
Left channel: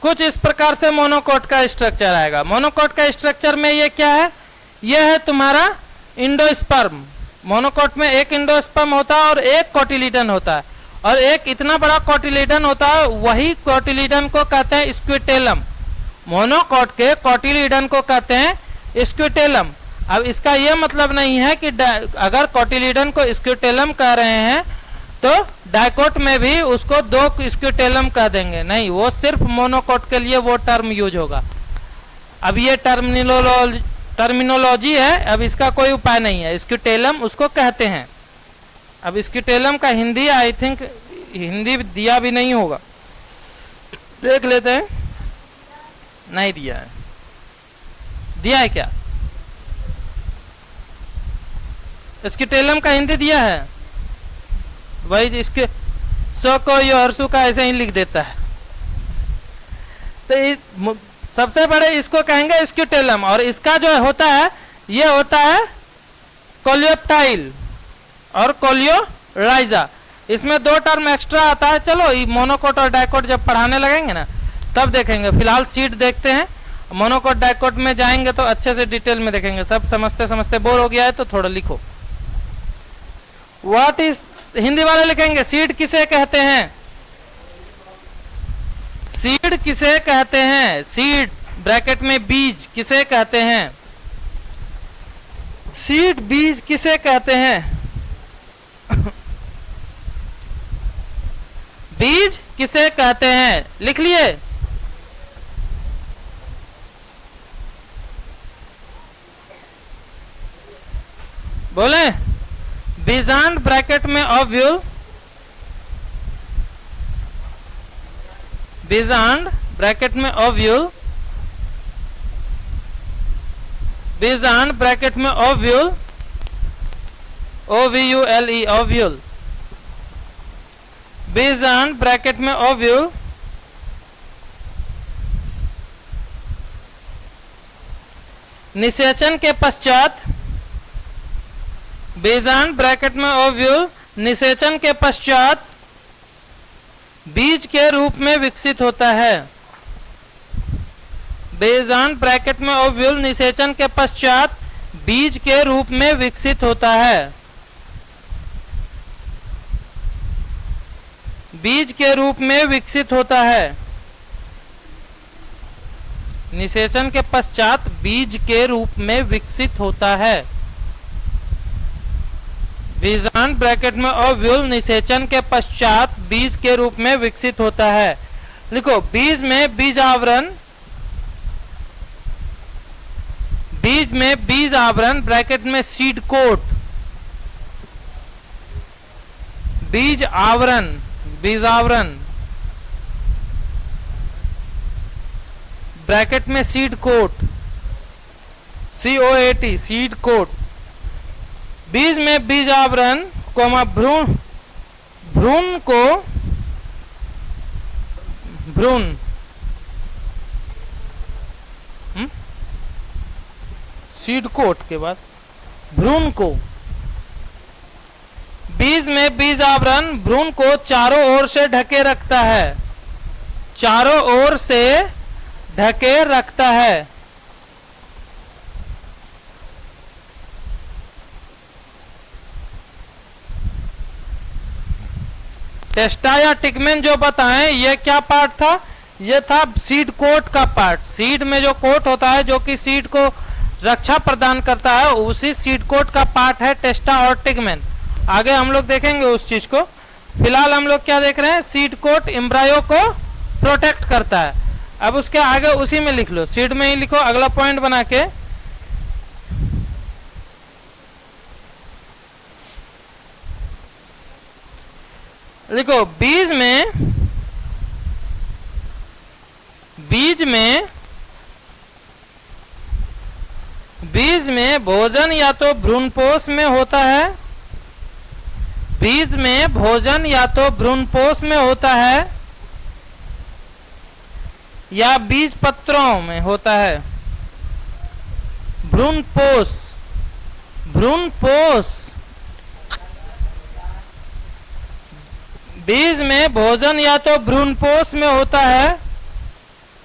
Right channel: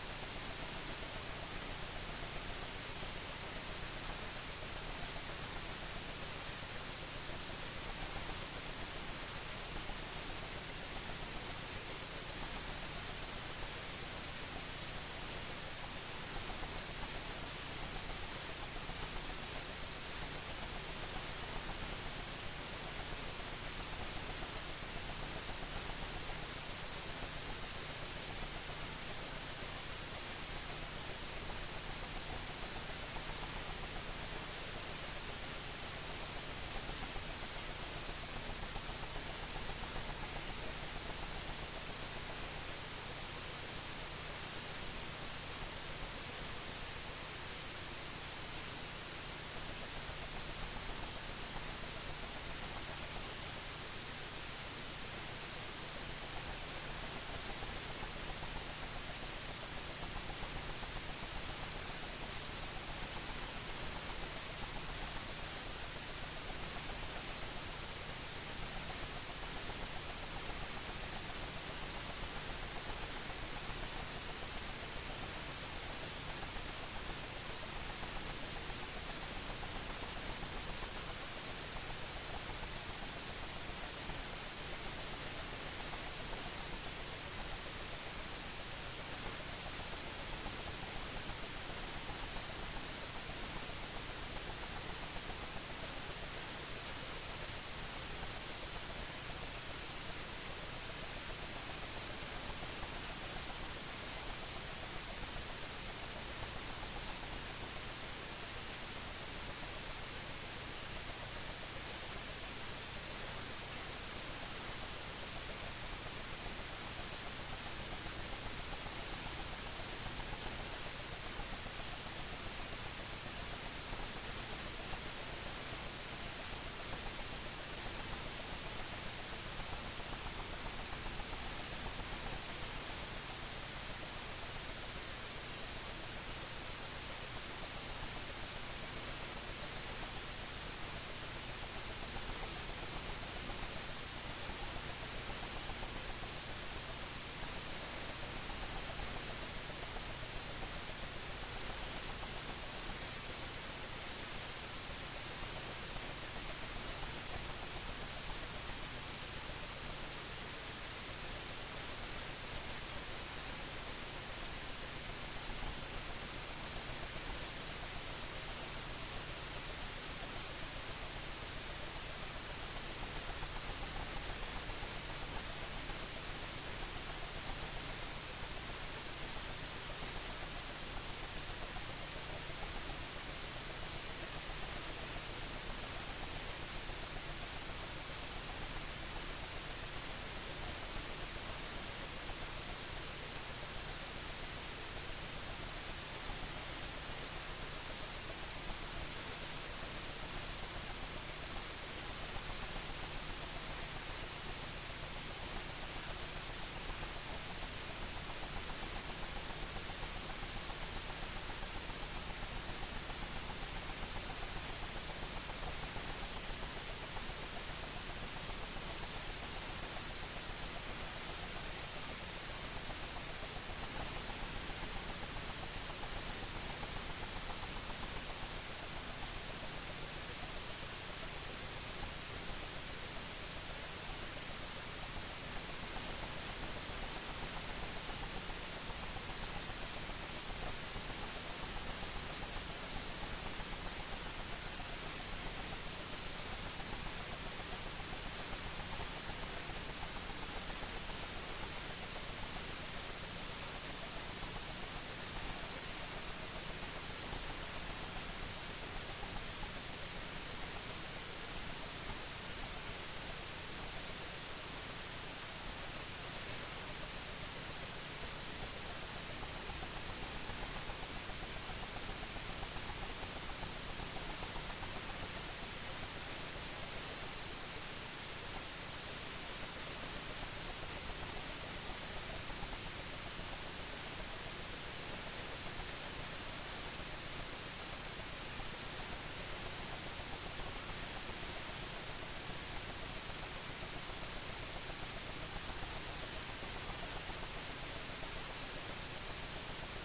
कुछ इस प्रकार से मोनोकोट का स्ट्रक्चर आएगा। मोनोकोट का स्ट्रक्चर में ये क्या है, ये है तुम्हारा इंडोस्पर्म। मोनोकोट में एक इंडोस्पर्म होता है और एक कोटिलीडन होता है, और एक इतना बड़ा कोटिलीडन होता है, वही कोटिलीडन को कहते हैं स्क्विटेलम। मोनोकोट के कोटिलीडन को कहते हैं स्क्विटेलम। अब इसका यह मतलब नहीं है कि अगर कोटिलीडन को स्क्विटेलम कह रहे हैं तो डाइकोट में भी उसको दो स्क्विटेलम कह देंगे, नहीं, वो सिर्फ मोनोकोट के लिए वो टर्म यूज होगा। अब ये टर्मिनोलॉजी है, अब इसका कोई उपाय नहीं है। स्क्विटेलम उसको कहते हैं। अब स्क्विटेलम का हिंदी आई थिंक हिंदी दिया भी नहीं होगा, देख लेते हैं। नहीं दिया है, दिया है क्या? स्क्विटेलम का हिंदी दिया है वही, इसके सो को यो हर्षु का ऐसे ही लिख देता है। तो सबसे बड़े इसको कहेंगे स्क्विटेलम, और इसका जो होता है ये होता है कोलियोप्टाइल और कोलियोराइजा। इसमें दो टर्म एक्स्ट्रा आता है। चलो मोनोकोट और डाइकोट जब पढ़ाने लगेंगे ना तब देखेंगे, फिलहाल सीट देखते हैं। मोनोकोट डाइकोट में जाएंगे तो अच्छे से डिटेल में देखेंगे। सब समझते समझते बोर हो गया है तो थोड़ा लिखो। व्हाट इज, हिंदी वाले लिखेंगे सीड किसे कहते हैं, सीड किसे कहते हैं, सीड ब्रैकेट में बीज किसे कहते हैं, सीड बीज किसे कहते हैं बीज किसे कहते हैं, लिख लिए? बोले बीजांड ब्रैकेट में ओव्यूल, बीजांड ब्रैकेट में ओव्यूल, बीजांड ब्रैकेट में ओव्यूल, OVULE ओव्यूल, बीजांड ब्रैकेट में ओव्यूल, निषेचन के पश्चात, बीजांड ब्रैकेट में ओव्यूल निषेचन के पश्चात बीज के रूप में विकसित होता है। बीजांड ब्रैकेट में ओव्यूल निषेचन के पश्चात बीज के रूप में विकसित होता है, बीज के रूप में विकसित होता है। निषेचन के पश्चात बीज के रूप में विकसित होता है। बीजांड ब्रैकेट में ओव्यूल निषेचन के पश्चात बीज के रूप में विकसित होता है। लिखो बीज में बीज आवरण, बीज में बीज आवरण ब्रैकेट में सीड कोट, बीज आवरण, बीज आवरण ब्रैकेट में seed coat, COAT seed coat. बीज में बीज आवरण कोमा भ्रूण, भ्रूण को भ्रूण सीड कोट के बाद भ्रूण को, बीज में बीज आवरण भ्रूण को चारों ओर से ढके रखता है, चारों ओर से ढके रखता है। टेस्टा या टिगमेन जो बताएं ये क्या पार्ट था, ये था सीड कोट का पार्ट। सीड में जो कोट होता है जो कि सीड को रक्षा प्रदान करता है, उसी सीड कोट का पार्ट है टेस्टा और टिगमेन। आगे हम लोग देखेंगे उस चीज को। फिलहाल हम लोग क्या देख रहे हैं, सीड कोट एम्ब्रायो को प्रोटेक्ट करता है। अब उसके आगे उसी में लिख लो, सीड में ही लिखो अगला पॉइंट बना के। लिखो बीज में, बीज में, बीज में भोजन या तो भ्रूणपोष में होता है, बीज में भोजन या तो भ्रूणपोष में होता है या बीज पत्रों में होता है। भ्रूणपोष, भ्रूणपोष, बीज में भोजन या तो भ्रूणपोष में होता है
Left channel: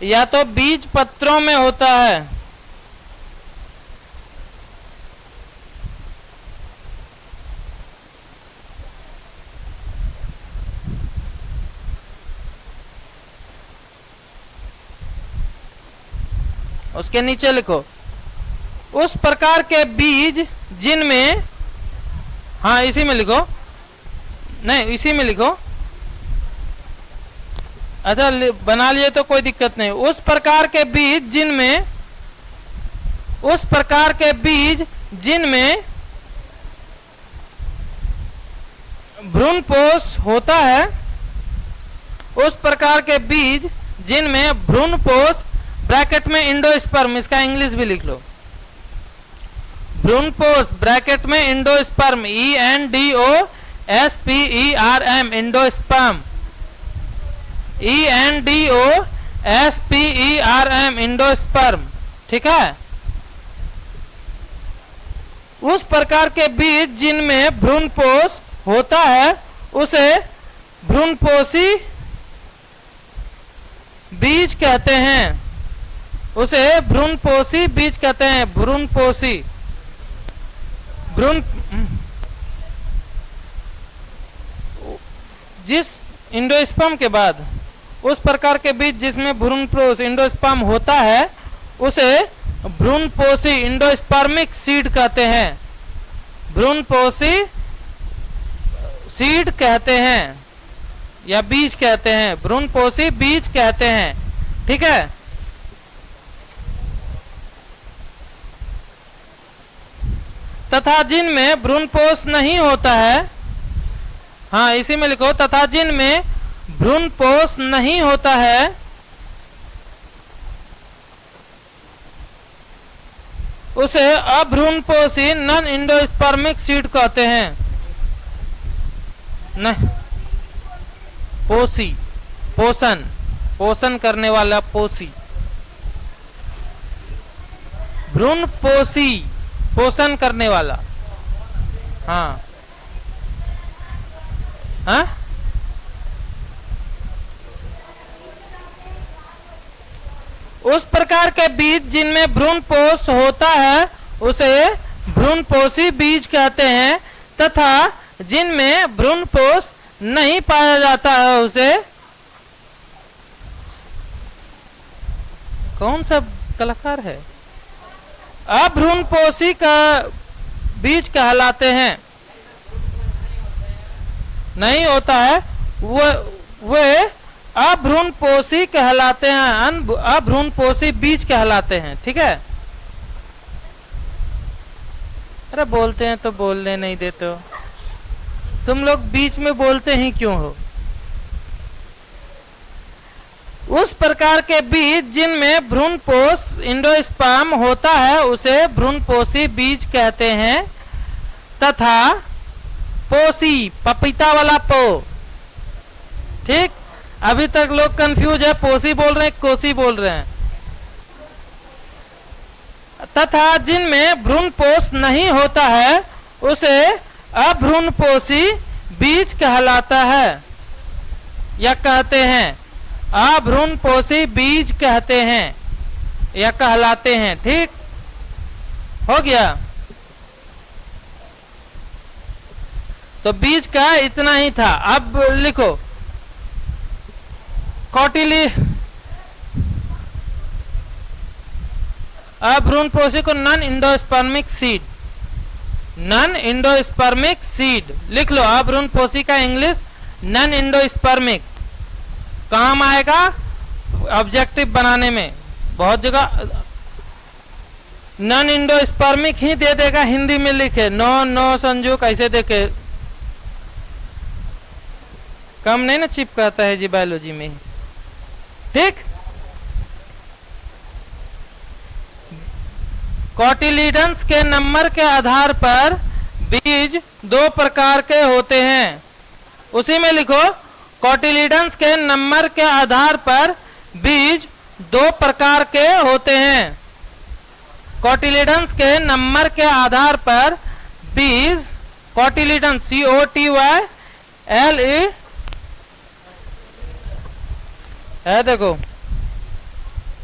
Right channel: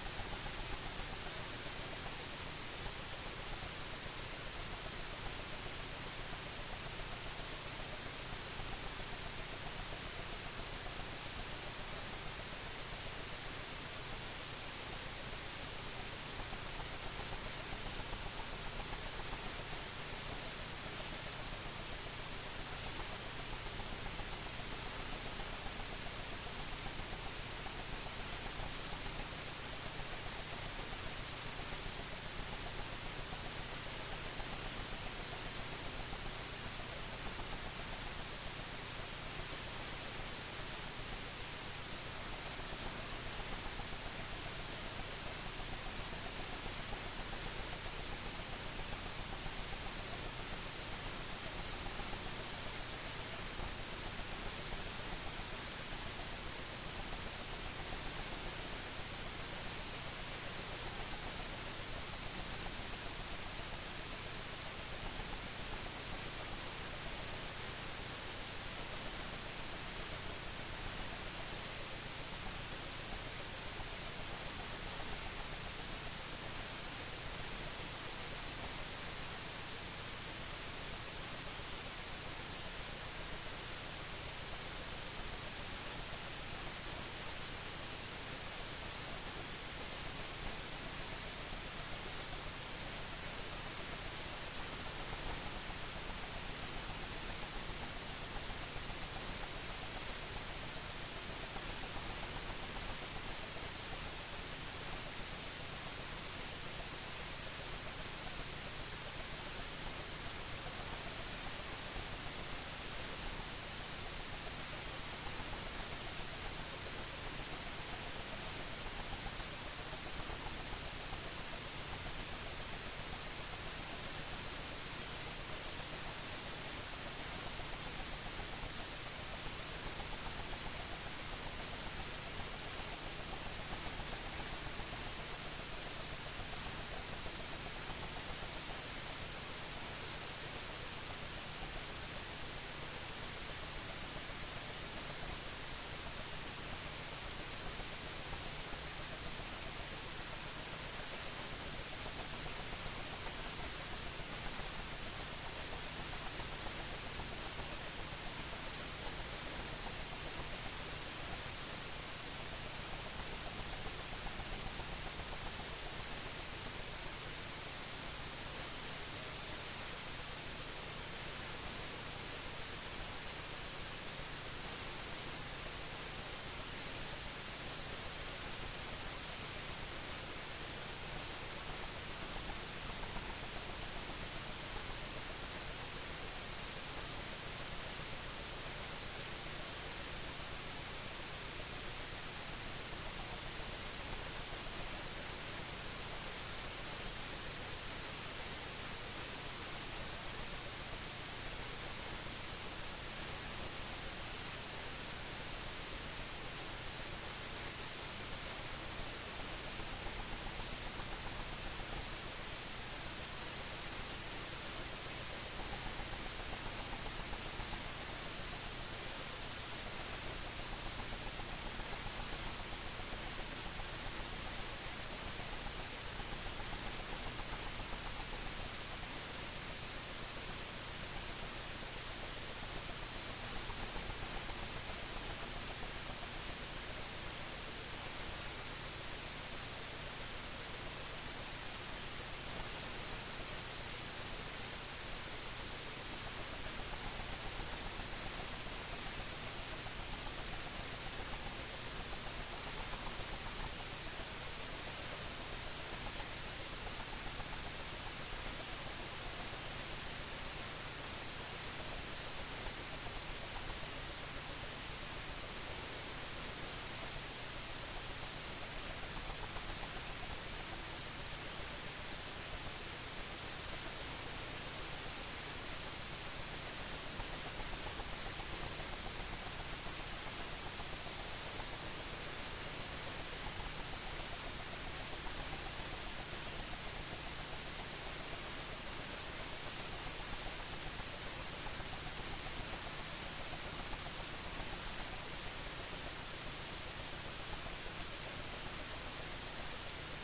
या तो बीज पत्रों में होता है, उसके नीचे लिखो उस प्रकार के बीज जिनमें, हाँ इसी में लिखो, नहीं इसी में लिखो, अच्छा बना लिए तो कोई दिक्कत नहीं। उस प्रकार के बीज जिनमें, उस प्रकार के बीज जिनमें भ्रूणपोष होता है, उस प्रकार के बीज जिनमें भ्रूणपोष, ब्रैकेट में इंडोस्पर्म, इसका इंग्लिश भी लिख लो, भ्रूणपोष ब्रैकेट में endosperm, ENDOSPERM, endosperm, ENDOSPERM, endosperm, ठीक है। उस प्रकार के बीज जिनमें भ्रूणपोष होता है उसे भ्रूणपोषी बीज कहते हैं, उसे भ्रूणपोषी बीज कहते हैं, भ्रूणपोषी, भ्रूण, जिस इंडोस्पर्म के बाद उस प्रकार के बीज जिसमें भ्रूणपोष इंडोस्पर्म होता है उसे भ्रूणपोषी इंडोस्पर्मिक सीड कहते हैं, भ्रूणपोषी सीड कहते हैं या बीज कहते हैं, भ्रूणपोषी बीज कहते हैं, ठीक है। तथा जिनमें भ्रूणपोष नहीं होता है, हाँ इसी में लिखो, तथा जिनमें भ्रूणपोष नहीं होता है उसे अभ्रूणपोषी नॉन इंडोस्पर्मिक सीड कहते हैं। नहीं, पोषी, पोषण, पोषण करने वाला पोषी, भ्रूणपोषी पोषण करने वाला, हाँ हाँ उस प्रकार के बीज जिनमें भ्रूणपोष होता है उसे भ्रूणपोषी बीज कहते हैं, तथा जिनमें भ्रूणपोष नहीं पाया जाता है उसे, कौन सा कलाकार है, अभ्रूणपोषी का बीज कहलाते हैं। नहीं होता है वे अभ्रूणपोषी कहलाते हैं, अभ्रूणपोषी बीज कहलाते हैं, ठीक है। अरे बोलते हैं तो बोलने नहीं देते हो तुम लोग, बीच में बोलते ही क्यों हो। उस प्रकार के बीज जिनमें भ्रूणपोष इंडोस्पर्म होता है उसे भ्रूणपोषी बीज कहते हैं, तथा पोषी, पपीता वाला पो, ठीक। अभी तक लोग कंफ्यूज है, पोषी बोल रहे हैं कोसी बोल रहे हैं। तथा जिनमें भ्रूणपोष नहीं होता है उसे अभ्रूणपोषी बीज कहलाता है या कहते हैं, अभ्रूणपोषी बीज कहते हैं या कहलाते हैं, ठीक हो गया। तो बीज का इतना ही था। अब लिखो कौटिली, अभ्रूणपोषी को non endospermic seed, non endospermic seed लिख लो। अभ्रूणपोषी का इंग्लिश नॉन इंडोस्पर्मिक, काम आएगा ऑब्जेक्टिव बनाने में, बहुत जगह नॉन इंडोस्पर्मिक ही दे देगा, हिंदी में लिखे नो नो संजू कैसे देखे, कम नहीं ना चिपकाता है जी बायोलॉजी में, ठीक। कॉटिलीडन्स के नंबर के आधार पर बीज दो प्रकार के होते हैं, उसी में लिखो कॉटिलीडन्स के नंबर के आधार पर बीज दो प्रकार के होते हैं। कॉटिलीडन्स के नंबर के आधार पर बीज, कॉटिलीडन्स COTYLE है, देखो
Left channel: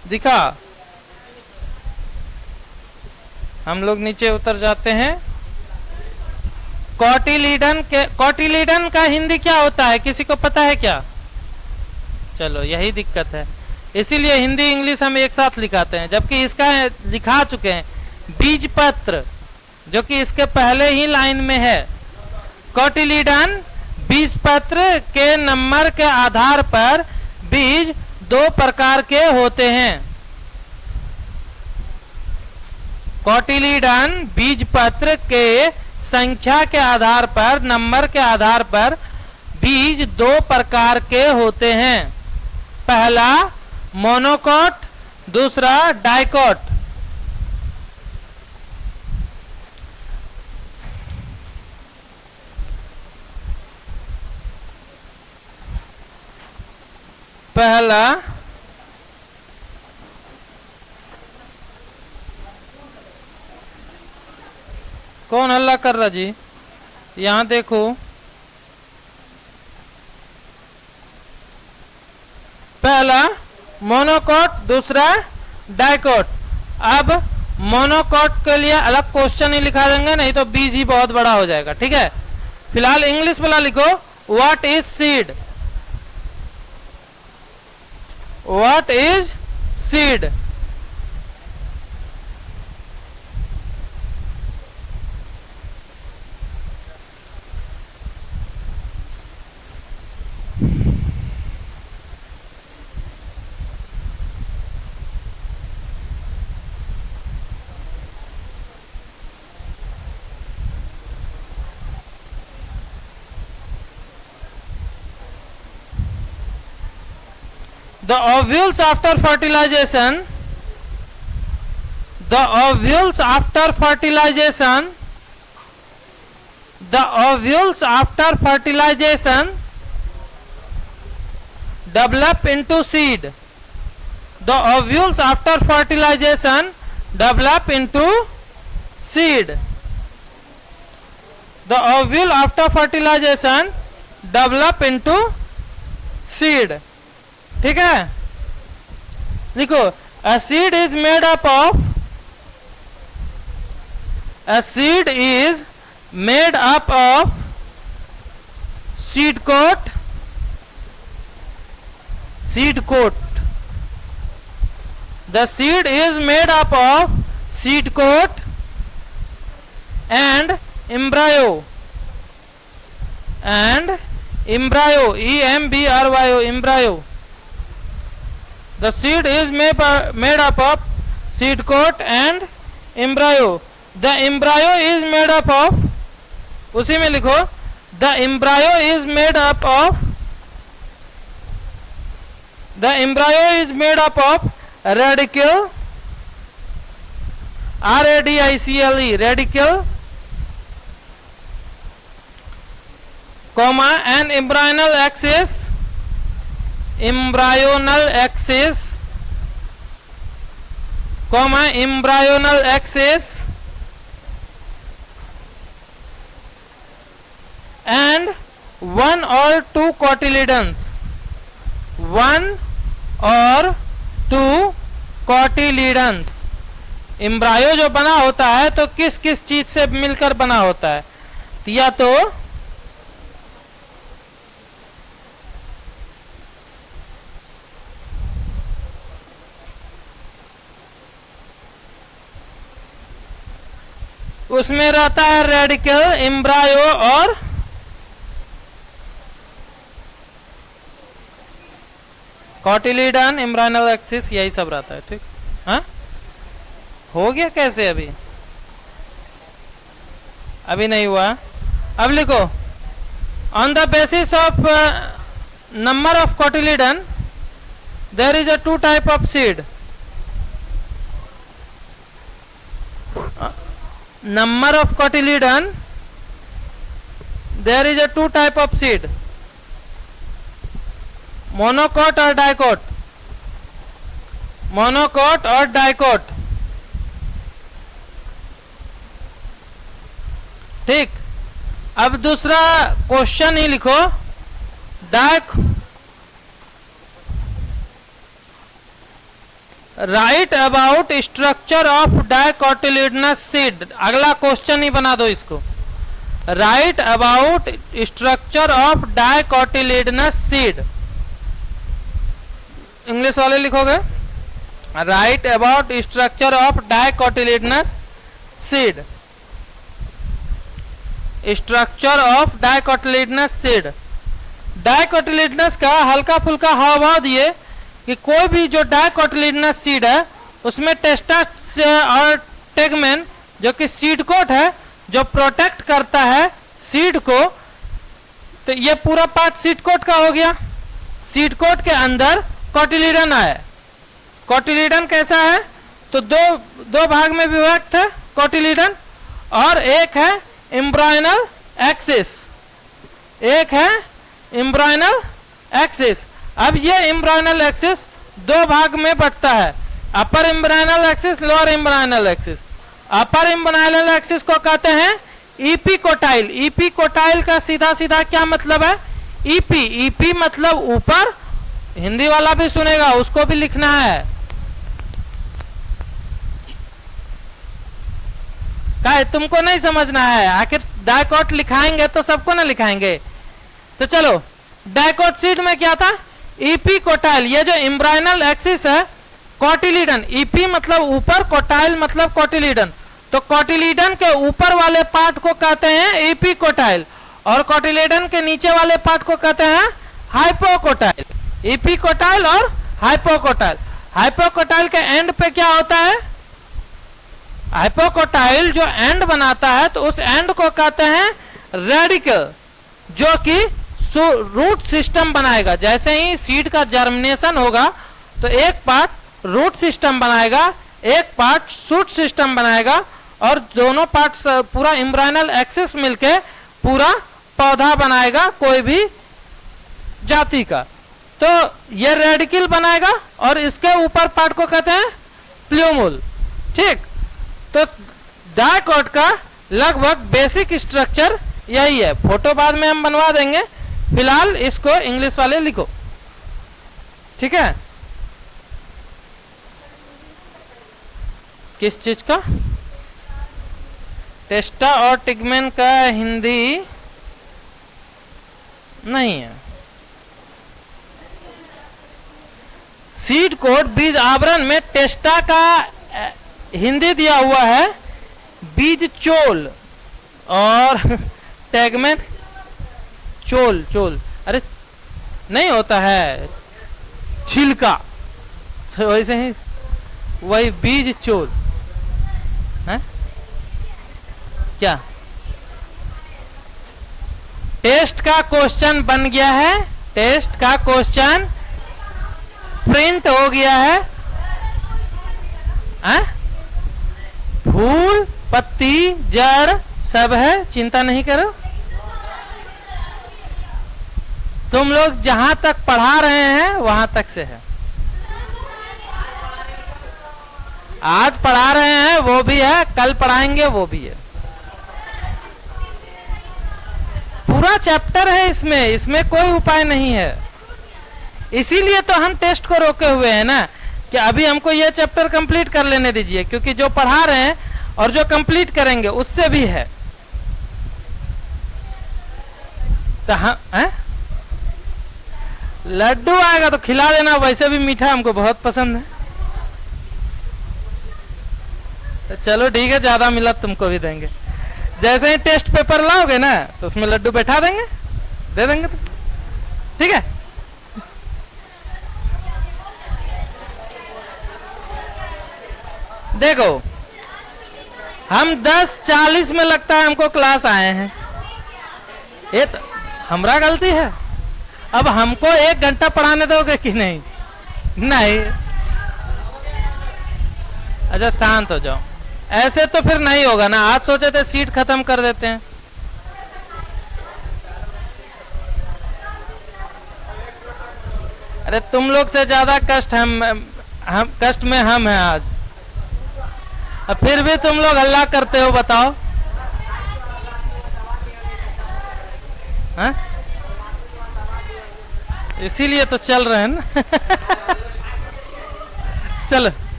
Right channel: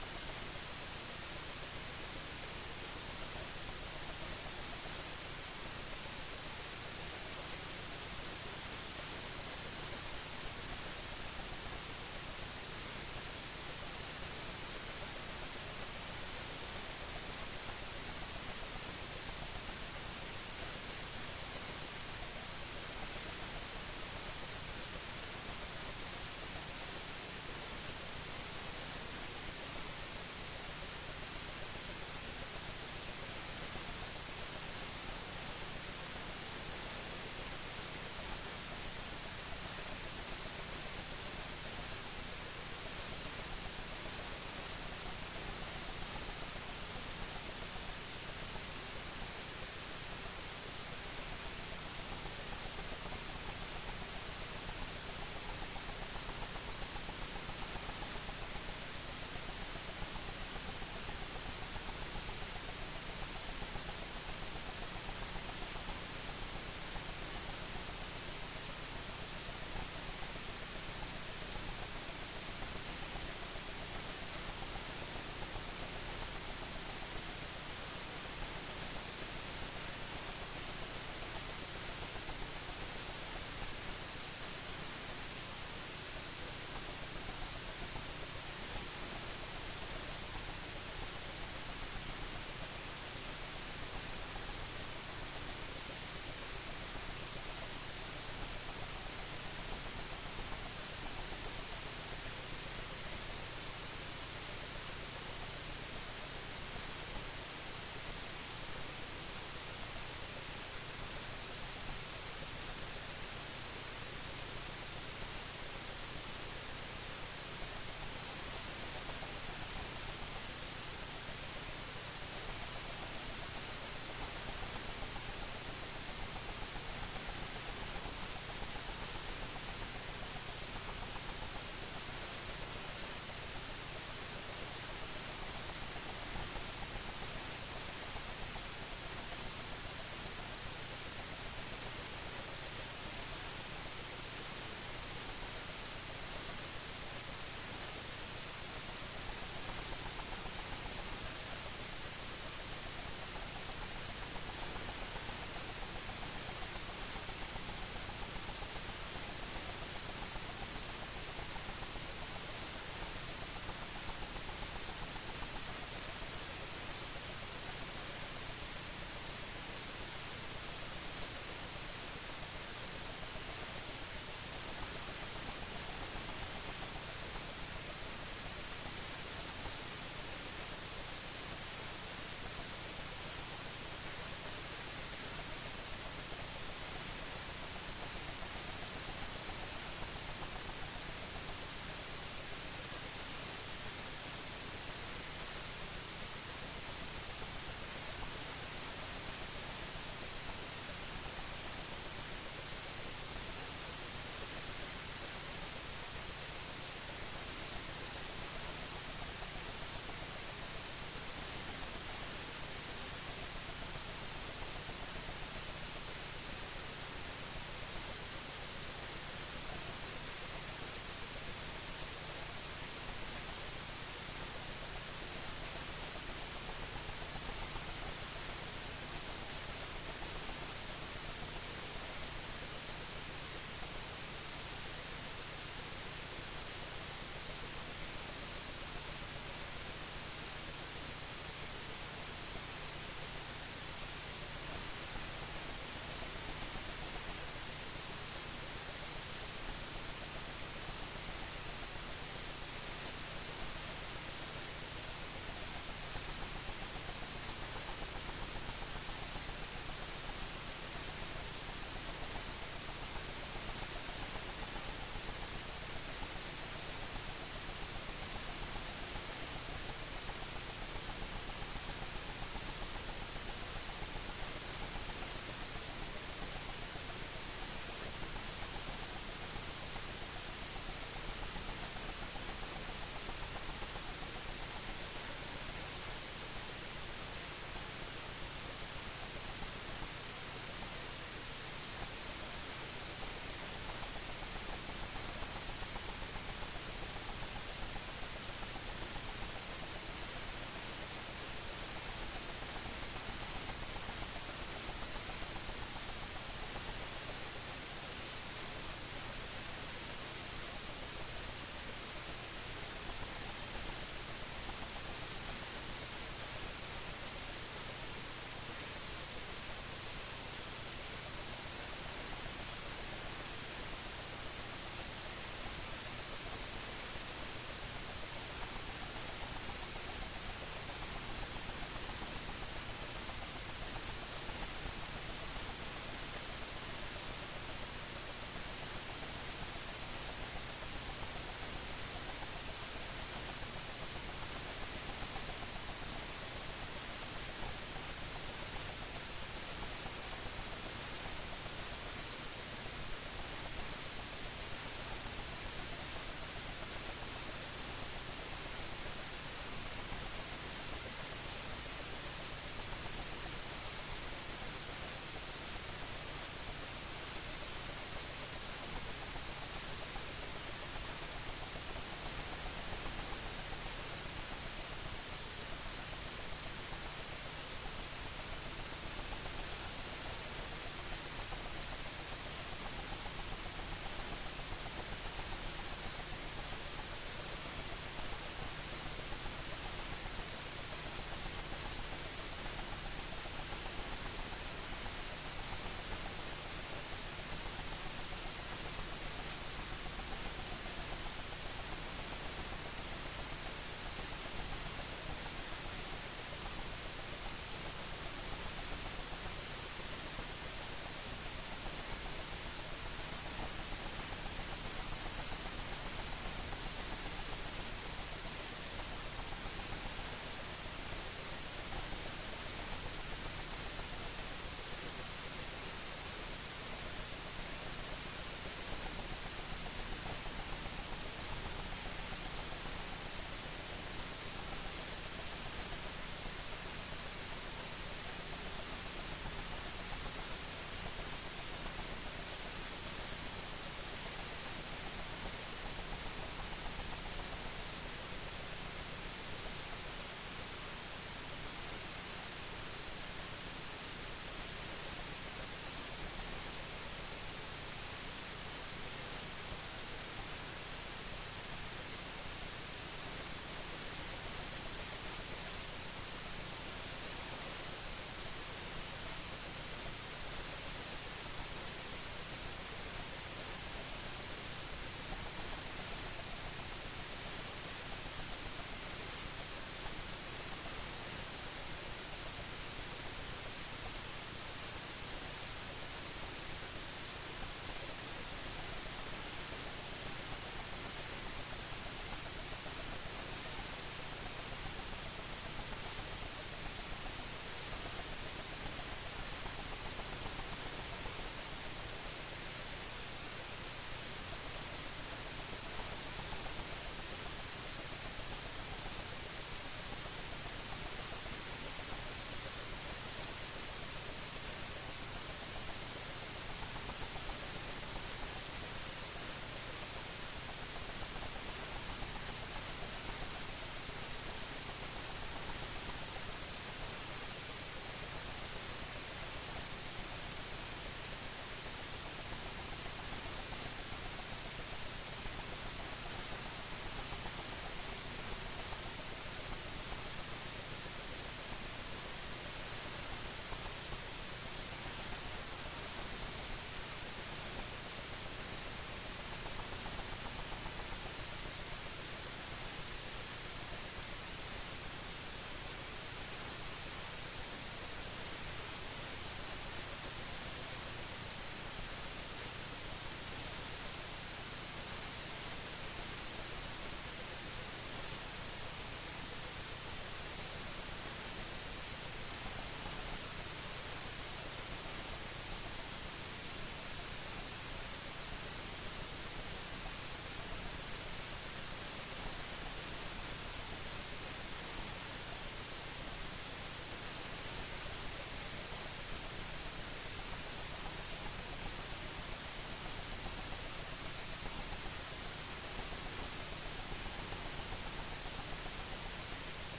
दिखा। हम लोग नीचे उतर जाते हैं। कोटिलीडन का हिंदी क्या होता है, किसी को पता है क्या? चलो यही दिक्कत है, इसीलिए हिंदी इंग्लिश हम एक साथ लिखाते हैं, जबकि इसका लिखा चुके हैं बीजपत्र, जो कि इसके पहले ही लाइन में है। कोटिलीडन बीजपत्र के नंबर के आधार पर बीज दो प्रकार के होते हैं। कोटिलीडन बीजपत्र के संख्या के आधार पर, नंबर के आधार पर बीज दो प्रकार के होते हैं। पहला मोनोकोट, दूसरा डाइकोट। पहला कौन हल्ला कर रहा जी? यहां देखो, पहला मोनोकोट, दूसरा डाइकोट। अब मोनोकोट के लिए अलग क्वेश्चन ही लिखा देंगे, नहीं तो बीज ही बहुत बड़ा हो जाएगा। ठीक है, फिलहाल इंग्लिश वाला लिखो। What is seed? What is seed? The ovules after fertilization, the ovules after fertilization, the ovules after fertilization develop into seed. The ovules after fertilization develop into seed. The ovule after fertilization develop into seed. ठीक है, देखो, a seed is made up of, a seed is made up of seed coat, seed coat. The seed is made up of seed coat and embryo, and embryo, E-M-B-R-Y-O, embryo. The seed is made up of seed coat and embryo. The embryo is made up of, उसी में लिखो, the embryo is made up of, the embryo is made up of radicle, R-A-D-I-C-L-E, radicle, comma, and embryonal axis, embryonal axis, comma, embryonal axis, and one or two cotyledons, one or two cotyledons. Embryo जो बना होता है तो किस किस चीज से मिलकर बना होता है? या तो उसमें रहता है रेडिकल, एम्ब्रायो और कोटिलीडन, एम्ब्रायनल एक्सिस, यही सब रहता है। ठीक, हाँ, हो गया कैसे? अभी नहीं हुआ। अब लिखो, on the basis of number of कोटिलीडन there is a to type of seed. Number of cotyledon, there is a two type of seed, monocot or dicot, monocot or dicot. ठीक, अब दूसरा क्वेश्चन ही लिखो, right about structure of dicotyledonous seed. अगला question ही बना दो इसको। Right about structure of dicotyledonous seed. English वाले लिखोगे right about structure of dicotyledonous seed. Structure of dicotyledonous seed. Dicotyledonous का हल्का फुल्का हाव भाव दिए कि कोई भी जो डाइकोटिलिडनस सीड है उसमें टेस्टा और टेगमेन जो कि सीड कोट है जो प्रोटेक्ट करता है सीड को, तो ये पूरा पार्ट सीड कोट का हो गया। सीड कोट के अंदर कोटिलिडन है। कोटिलिडन कैसा है तो दो भाग में विभक्त है कोटिलिडन, और एक है एम्ब्रायनल एक्सिस, एक है एम्ब्रायनल एक्सिस। अब ये एम्ब्रायनल एक्सिस दो भाग में बंटता है, अपर embryonal axis, lower embryonal axis. अपर एम्ब्रायनल एक्सिस को कहते हैं इपीकोटाइल। इपीकोटाइल का सीधा सीधा क्या मतलब है? ईपी। ईपी मतलब ऊपर, हिंदी वाला भी सुनेगा उसको भी लिखना है। क्या तुमको नहीं समझना है? आखिर डाइकोट लिखाएंगे तो सबको ना लिखाएंगे। तो चलो, डाइकोट सीड में क्या था? इपीकोटाइल। ये जो एम्ब्रायनल एक्सिस है कोटिलिडन, ईपी मतलब ऊपर, कोटाइल मतलब कोटिलिडन, तो कोटिलिडन के ऊपर वाले पार्ट को कहते हैं इपीकोटाइल और कोटिलिडन के नीचे वाले पार्ट को कहते हैं हाइपोकोटाइल। इपीकोटाइल और हाइपोकोटाइल। हाइपोकोटाइल के एंड पे क्या होता है? हाइपोकोटाइल जो एंड बनाता है तो उस एंड को कहते हैं रेडिकल, जो कि रूट सिस्टम बनाएगा। जैसे ही सीड का जर्मिनेशन होगा तो एक पार्ट रूट सिस्टम बनाएगा, एक पार्ट शूट सिस्टम बनाएगा, और दोनों पार्ट पूरा एम्ब्रायनल एक्सिस मिलके पूरा पौधा बनाएगा कोई भी जाति का। तो ये रेडिकल बनाएगा और इसके ऊपर पार्ट को कहते हैं प्लूमुल। ठीक, तो डाइकोट का लगभग बेसिक स्ट्रक्चर यही है। फोटो बाद में हम बनवा देंगे, फिलहाल इसको इंग्लिश वाले लिखो। ठीक है, किस चीज का? टेस्टा और टिगमेन का हिंदी नहीं है। सीड कोट बीज आवरण में टेस्टा का हिंदी दिया हुआ है बीज चोल, और टेगमेन चोल। चोल अरे नहीं होता है, छिलका, तो वैसे ही वही बीज चोल है क्या? टेस्ट का क्वेश्चन बन गया है, टेस्ट का क्वेश्चन प्रिंट हो गया है। फूल, पत्ती, जड़ सब है, चिंता नहीं करो। तुम लोग जहां तक पढ़ा रहे हैं वहां तक से है। आज पढ़ा रहे हैं वो भी है, कल पढ़ाएंगे वो भी है। पूरा चैप्टर है इसमें, इसमें कोई उपाय नहीं है। इसीलिए तो हम टेस्ट को रोके हुए हैं ना, कि अभी हमको ये चैप्टर कंप्लीट कर लेने दीजिए, क्योंकि जो पढ़ा रहे हैं और जो कंप्लीट करेंगे उससे भी है। तो हम लड्डू आएगा तो खिला देना, वैसे भी मीठा हमको बहुत पसंद है। तो चलो ठीक है, ज्यादा मिला तुमको भी देंगे। जैसे ही टेस्ट पेपर लाओगे ना तो उसमें लड्डू बैठा देंगे, दे देंगे। तो ठीक है, देखो हम 10:40 में लगता है हमको क्लास आए हैं। ये तो हमारा गलती है। अब हमको 1 घंटा पढ़ाने दोगे कि नहीं? नहीं। अच्छा शांत हो जाओ, ऐसे तो फिर नहीं होगा ना। आज सोचे थे सीट खत्म कर देते हैं। अरे तुम लोग से ज्यादा कष्ट हम कष्ट में हम हैं आज, अब फिर भी तुम लोग हल्ला करते हो, बताओ। हाँ? इसीलिए तो चल रहे हैं ना। चलो।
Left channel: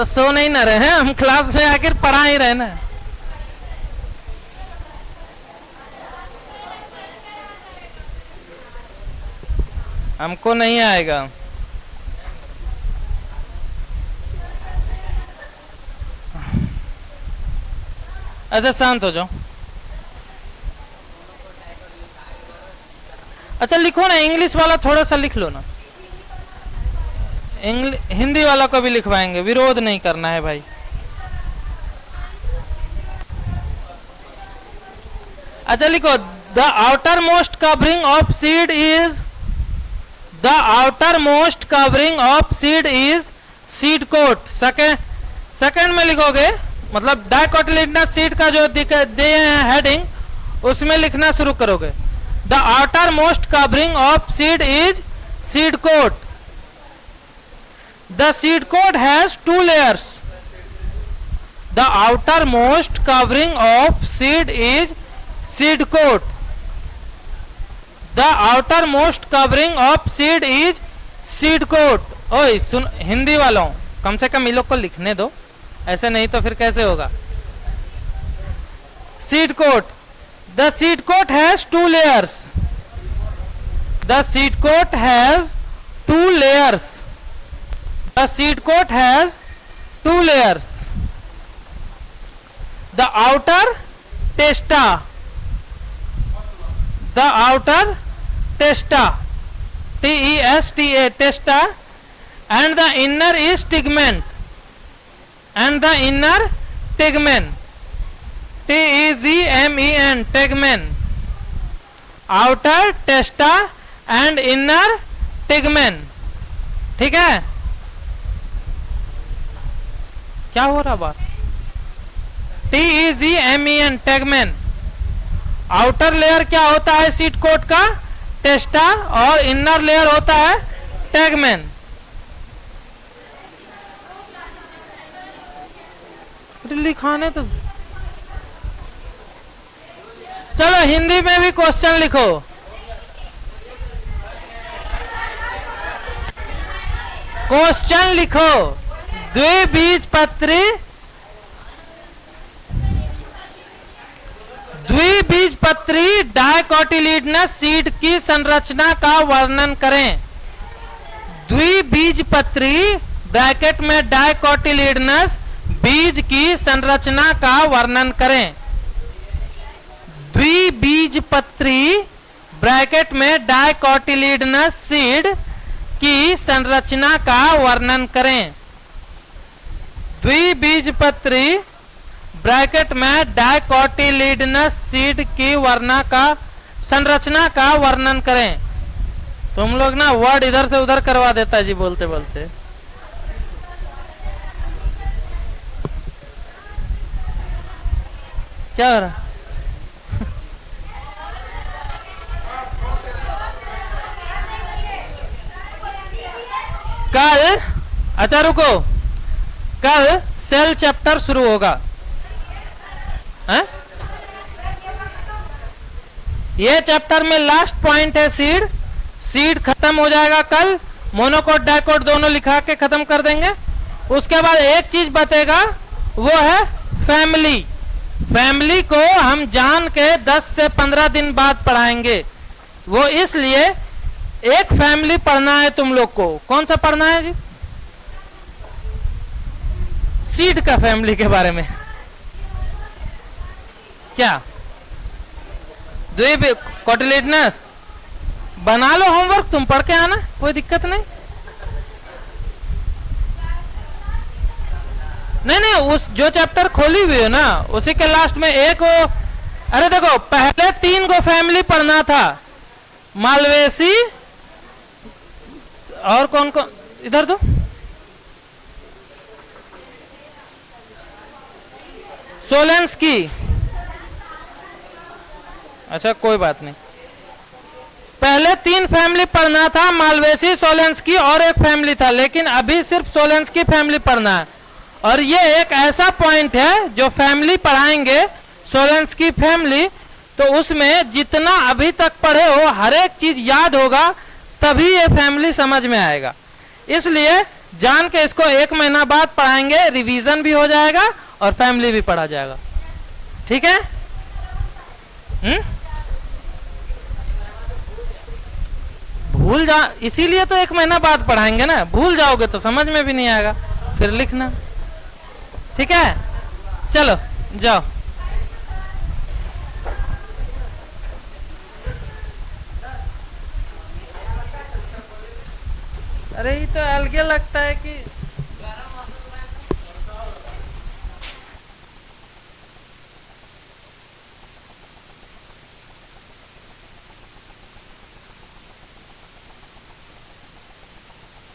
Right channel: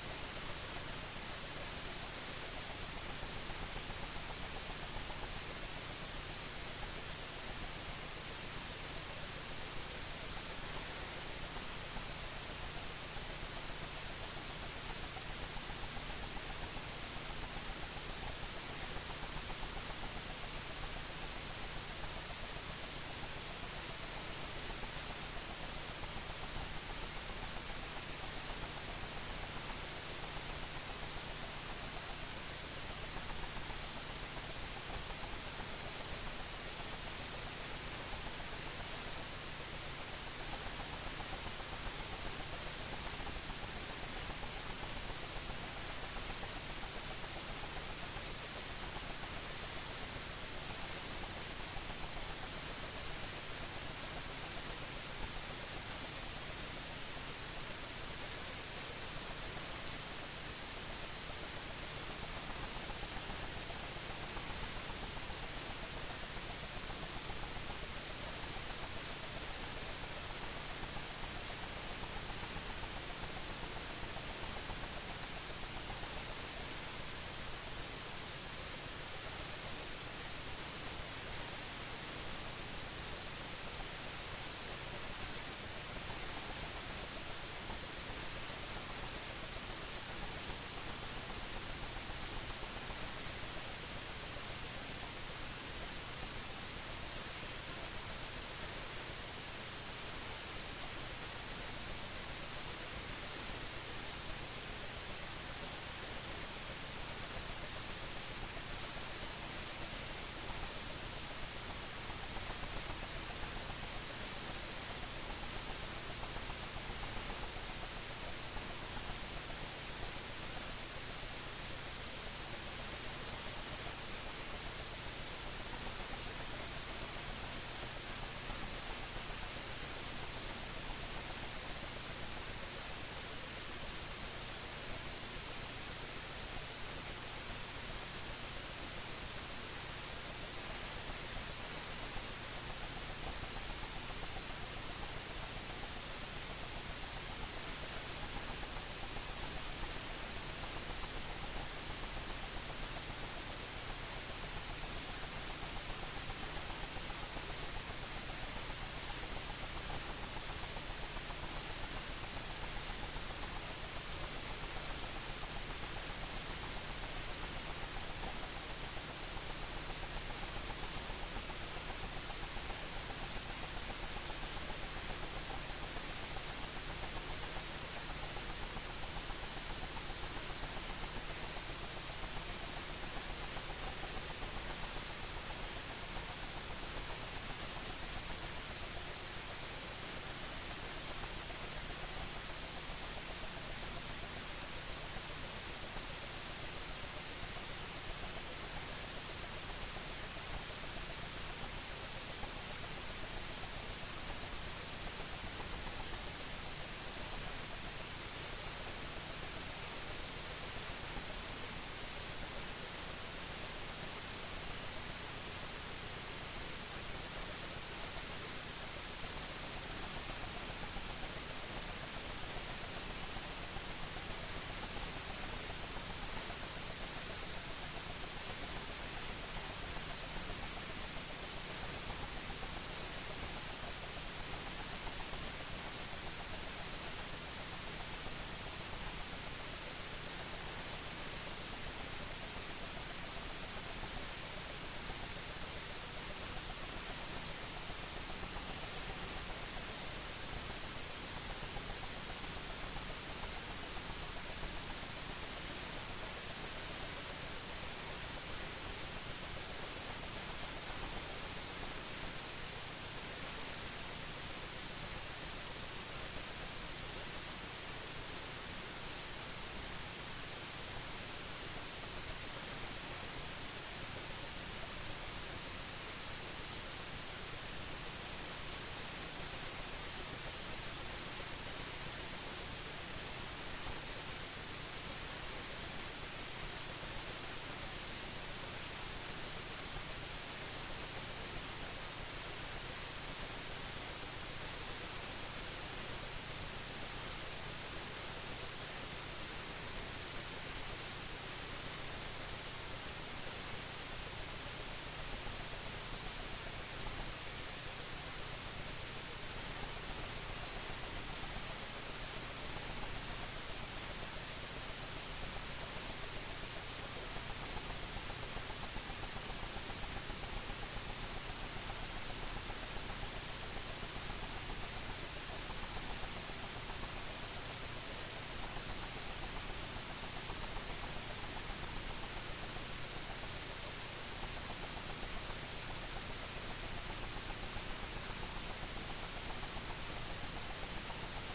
तो सो नहीं ना रहे हैं हम, क्लास में आखिर पढ़ा ही रहे ना। हमको नहीं आएगा। अच्छा शांत हो जाओ। अच्छा लिखो ना, इंग्लिश वाला थोड़ा सा लिख लो ना, हिंदी वाला को भी लिखवाएंगे, विरोध नहीं करना है भाई। अच्छा लिखो, the outer most covering of seed is, the outer most covering of seed is seed coat. Second में लिखोगे, मतलब डाइकोटिलेडनस सीड का जो दिए हैं हेडिंग, उसमें लिखना शुरू करोगे। The outer most covering of seed is seed coat. The seed coat has two layers. The outermost covering of seed is seed coat. The outermost covering of seed is seed coat. ओए सुन हिंदी वालों, कम से कम इन लोग को लिखने दो, ऐसे नहीं तो फिर कैसे होगा। Seed coat. The seed coat has two layers. The seed coat has two layers. The seed coat has two layers. The outer testa, the outer testa, T-E-S-T-A, testa, and the inner is tegmen, and the inner tegmen, T-E-G-M-E-N, tegmen. Outer testa and inner tegmen. ठीक है, क्या हो रहा बात। T-E-G-M-E-N, tegmen। Outer layer क्या होता है seed coat का, टेस्टा, और इनर लेयर होता है tegmen। लिखाने तो चलो हिंदी में भी क्वेश्चन लिखो। क्वेश्चन लिखो। द्विबीजपत्री, द्विबीजपत्री डाइकोटिलेडनस सीड की संरचना का वर्णन करें। द्विबीजपत्री ब्रैकेट में डाइकोटिलेडनस बीज की संरचना का वर्णन करें। द्विबीजपत्री ब्रैकेट में डाइकोटिलेडनस सीड की संरचना का वर्णन करें। द्विबीजपत्री ब्रैकेट में डाइकोटिलेडनस सीड की संरचना का वर्णन करें। तुम लोग ना वर्ड इधर से उधर करवा देता जी बोलते बोलते। क्या हो रहा? कल, अच्छा रुको, कल सेल चैप्टर शुरू होगा है? ये चैप्टर में लास्ट पॉइंट है सीड। सीड खत्म हो जाएगा कल, मोनोकोट डाइकोट दोनों लिखा के खत्म कर देंगे। उसके बाद एक चीज बतेगा, वो है फैमिली। फैमिली को हम जान के 10 से 15 दिन बाद पढ़ाएंगे। वो इसलिए एक फैमिली पढ़ना है तुम लोग को। कौन सा पढ़ना है जी? सीड का फैमिली के बारे में। क्या द्विबीजपत्री बना लो होमवर्क, तुम पढ़ के आना, कोई दिक्कत नहीं। नहीं उस जो चैप्टर खोली हुई है ना, उसी के लास्ट में एक वो, अरे देखो पहले 3 गो फैमिली पढ़ना था, मालवेसी और कौन कौन, इधर दो, सोलेंस्की। अच्छा कोई बात नहीं, पहले 3 फैमिली पढ़ना था, मालवेसी, सोलेंस्की और एक फैमिली था, लेकिन अभी सिर्फ सोलेंस्की फैमिली पढ़ना है। और ये एक ऐसा पॉइंट है जो फैमिली पढ़ाएंगे, सोलेंस्की फैमिली, तो उसमें जितना अभी तक पढ़े हो हर एक चीज याद होगा, तभी ये फैमिली समझ में आएगा। इसलिए जान के इसको 1 महीना बाद पढ़ाएंगे, रिवीजन भी हो जाएगा और फैमिली भी पढ़ा जाएगा। ठीक है? भूल जा, इसीलिए तो 1 महीना बाद पढ़ाएंगे ना, भूल जाओगे तो समझ में भी नहीं आएगा फिर लिखना। ठीक है, चलो जाओ। अरे ये तो अलग लगता है कि